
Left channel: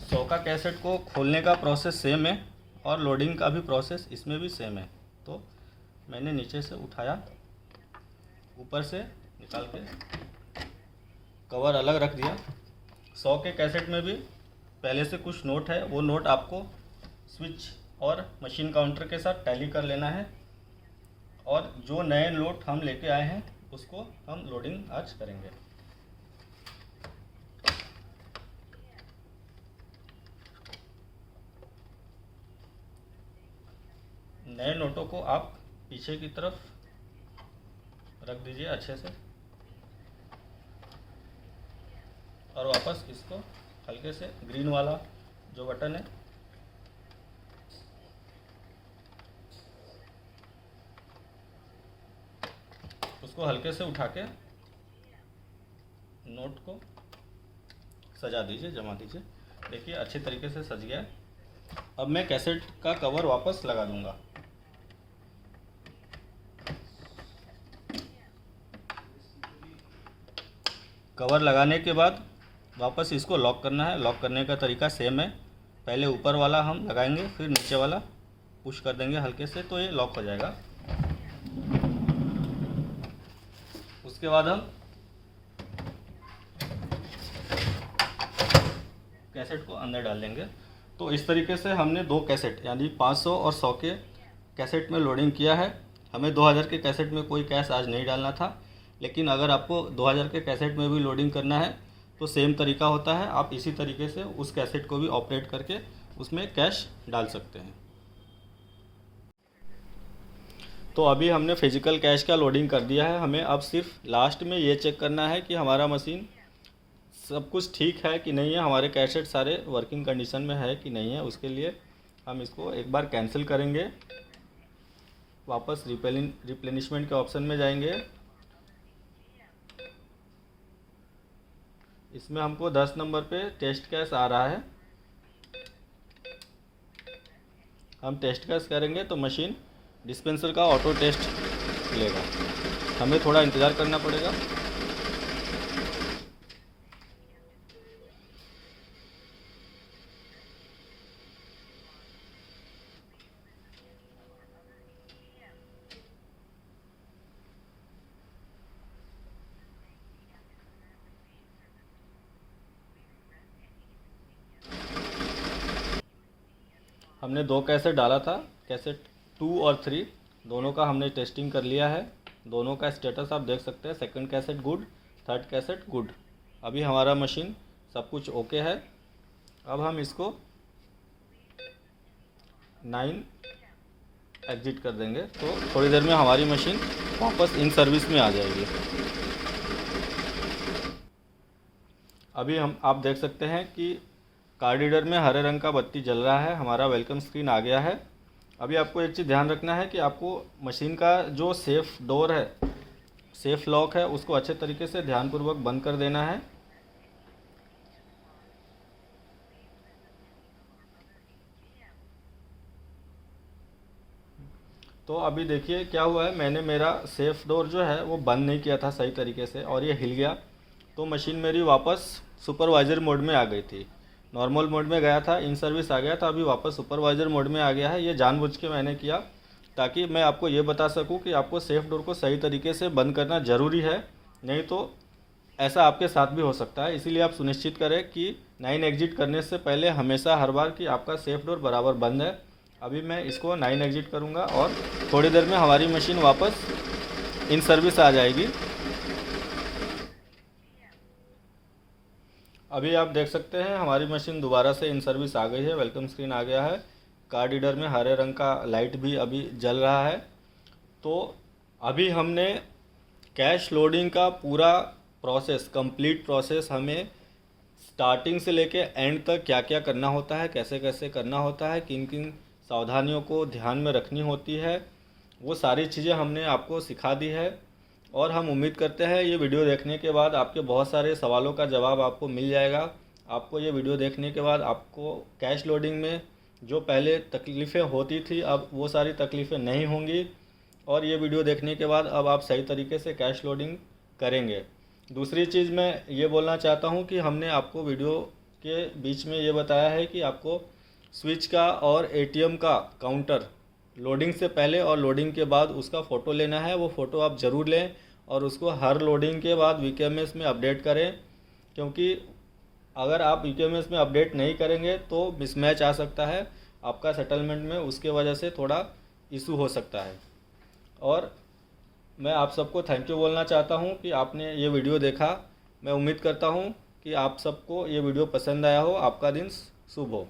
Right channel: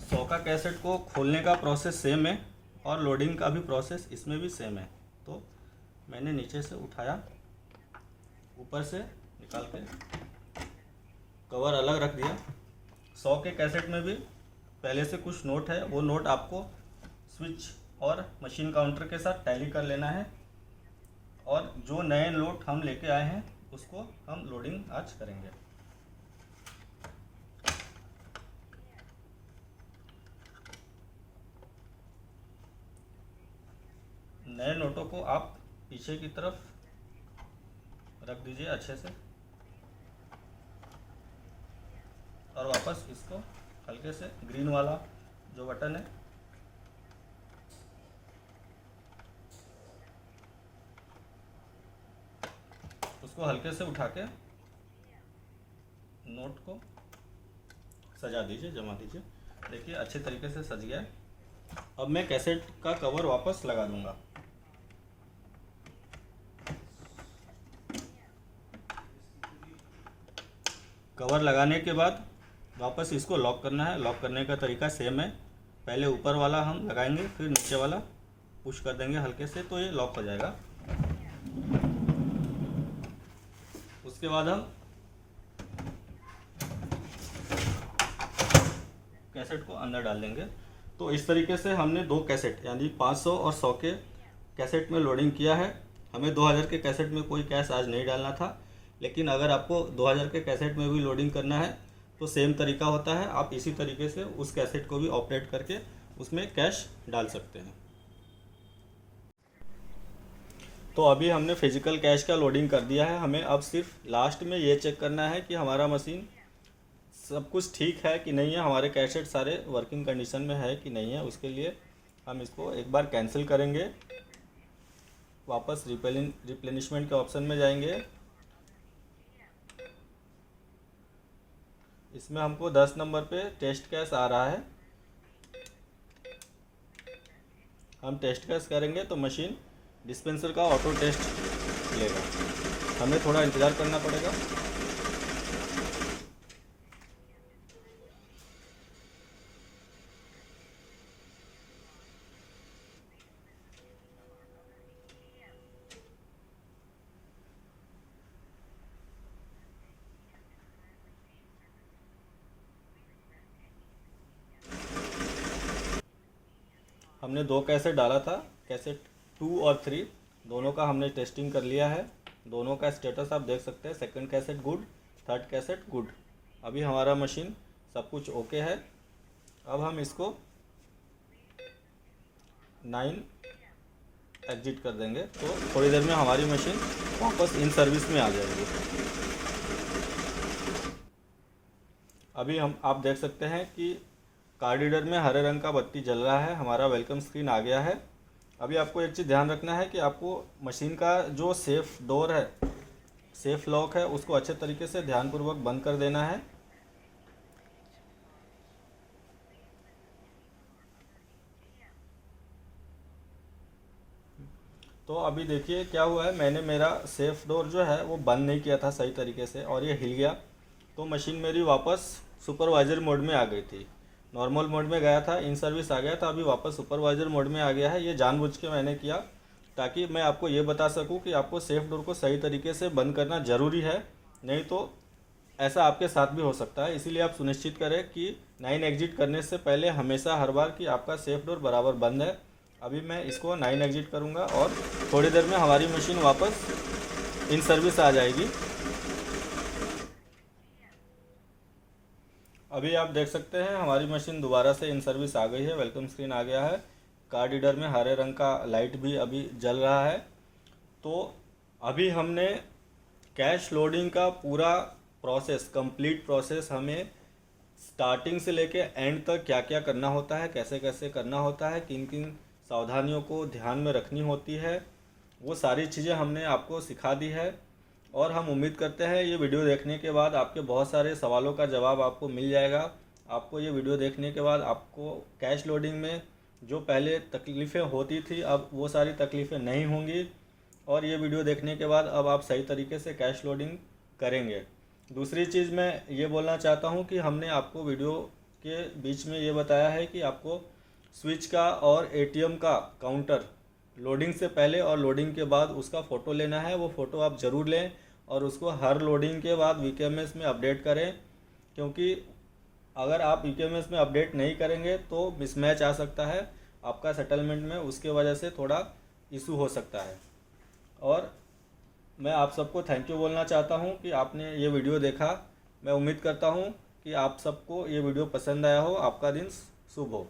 100 का कैसेट को खोलने का प्रोसेस सेम है और लोडिंग का भी प्रोसेस इसमें भी सेम है। तो मैंने नीचे से उठाया, ऊपर से निकाल के कवर अलग रख दिया। 100 के कैसेट में भी पहले से कुछ नोट है, वो नोट आपको स्विच और मशीन काउंटर के साथ टैली कर लेना है। और जो नए नोट हम लेके आए हैं उसको हम लोडिंग आज करेंगे। नए नोटों को आप पीछे की तरफ रख दीजिए अच्छे से और वापस इसको हल्के से ग्रीन वाला जो बटन है उसको हल्के से उठा के नोट को सजा दीजिए, जमा दीजिए। देखिए अच्छे तरीके से सज गया है। अब मैं कैसेट का कवर वापस लगा दूंगा। कवर लगाने के बाद वापस इसको लॉक करना है। लॉक करने का तरीका सेम है, पहले ऊपर वाला हम लगाएंगे, फिर नीचे वाला पुश कर देंगे हल्के से, तो ये लॉक हो जाएगा। उसके बाद हम कैसेट को अंदर डाल देंगे। तो इस तरीके से हमने 2 कैसेट यानी 500 और 100 के कैसेट में लोडिंग किया है। हमें 2000 के कैसेट में कोई कैश आज नहीं डालना था, लेकिन अगर आपको 2000 के कैसेट में भी लोडिंग करना है तो सेम तरीका होता है। आप इसी तरीके से उस कैसेट को भी ऑपरेट करके उसमें कैश डाल सकते हैं। तो अभी हमने फिजिकल कैश का लोडिंग कर दिया है। हमें अब सिर्फ लास्ट में ये चेक करना है कि हमारा मशीन सब कुछ ठीक है कि नहीं है, हमारे कैसेट सारे वर्किंग कंडीशन में है कि नहीं है। उसके लिए हम इसको एक बार कैंसिल करेंगे, वापस रिप्लेनिशमेंट के ऑप्शन में जाएंगे। इसमें हमको 10 नंबर पे टेस्ट कैश आ रहा है। हम टेस्ट कैश करेंगे तो मशीन डिस्पेंसर का ऑटो टेस्ट लेगा। हमें थोड़ा इंतज़ार करना पड़ेगा। हमने 2 कैसेट डाला था, कैसेट 2 और 3 दोनों का हमने टेस्टिंग कर लिया है। दोनों का स्टेटस आप देख सकते हैं। Second cassette good, third cassette good. अभी हमारा मशीन सब कुछ ओके है। अब हम इसको 9 एग्जिट कर देंगे तो थोड़ी देर में हमारी मशीन वापस इन सर्विस में आ जाएगी। अभी आप देख सकते हैं कि कार्ड रीडर में हरे रंग का बत्ती जल रहा है, हमारा वेलकम स्क्रीन आ गया है। अभी आपको एक चीज़ ध्यान रखना है कि आपको मशीन का जो सेफ डोर है, सेफ लॉक है, उसको अच्छे तरीके से ध्यानपूर्वक बंद कर देना है। तो अभी देखिए क्या हुआ है, मैंने मेरा सेफ डोर जो है वो बंद नहीं किया था सही तरीके से और ये हिल गया। तो मशीन मेरी वापस सुपरवाइज़र मोड में आ गई थी। नॉर्मल मोड में गया था, इन सर्विस आ गया था, अभी वापस सुपरवाइज़र मोड में आ गया है। ये जानबूझ के मैंने किया ताकि मैं आपको ये बता सकूं कि आपको सेफ डोर को सही तरीके से बंद करना ज़रूरी है, नहीं तो ऐसा आपके साथ भी हो सकता है। इसीलिए आप सुनिश्चित करें कि 9 एग्जिट करने से पहले हमेशा हर बार कि आपका सेफ डोर बराबर बंद है। अभी मैं इसको 9 एग्जिट करूँगा और थोड़ी देर में हमारी मशीन वापस इन सर्विस आ जाएगी। अभी आप देख सकते हैं हमारी मशीन दोबारा से इन सर्विस आ गई है, वेलकम स्क्रीन आ गया है। कार्ड रीडर में हरे रंग का लाइट भी अभी जल रहा है। तो अभी हमने कैश लोडिंग का पूरा प्रोसेस, कंप्लीट प्रोसेस हमें स्टार्टिंग से लेके एंड तक क्या क्या करना होता है, कैसे कैसे करना होता है, किन किन सावधानियों को ध्यान में रखनी होती है, वो सारी चीज़ें हमने आपको सिखा दी है। और हम उम्मीद करते हैं ये वीडियो देखने के बाद आपके बहुत सारे सवालों का जवाब आपको मिल जाएगा। आपको ये वीडियो देखने के बाद आपको कैश लोडिंग में जो पहले तकलीफ़ें होती थी अब वो सारी तकलीफ़ें नहीं होंगी, और ये वीडियो देखने के बाद अब आप सही तरीके से कैश लोडिंग करेंगे। दूसरी चीज़ मैं ये बोलना चाहता हूँ कि हमने आपको वीडियो के बीच में ये बताया है कि आपको स्विच का और एटीएम का काउंटर लोडिंग से पहले और लोडिंग के बाद उसका फ़ोटो लेना है। वो फ़ोटो आप ज़रूर लें और उसको हर लोडिंग के बाद वीकेएमएस में अपडेट करें, क्योंकि अगर आप वीकेएमएस में अपडेट नहीं करेंगे तो मिसमैच आ सकता है आपका सेटलमेंट में, उसके वजह से थोड़ा इशू हो सकता है। और मैं आप सबको थैंक यू बोलना चाहता हूं कि आपने ये वीडियो देखा। मैं उम्मीद करता हूं कि आप सबको ये वीडियो पसंद आया हो। आपका दिन शुभ हो।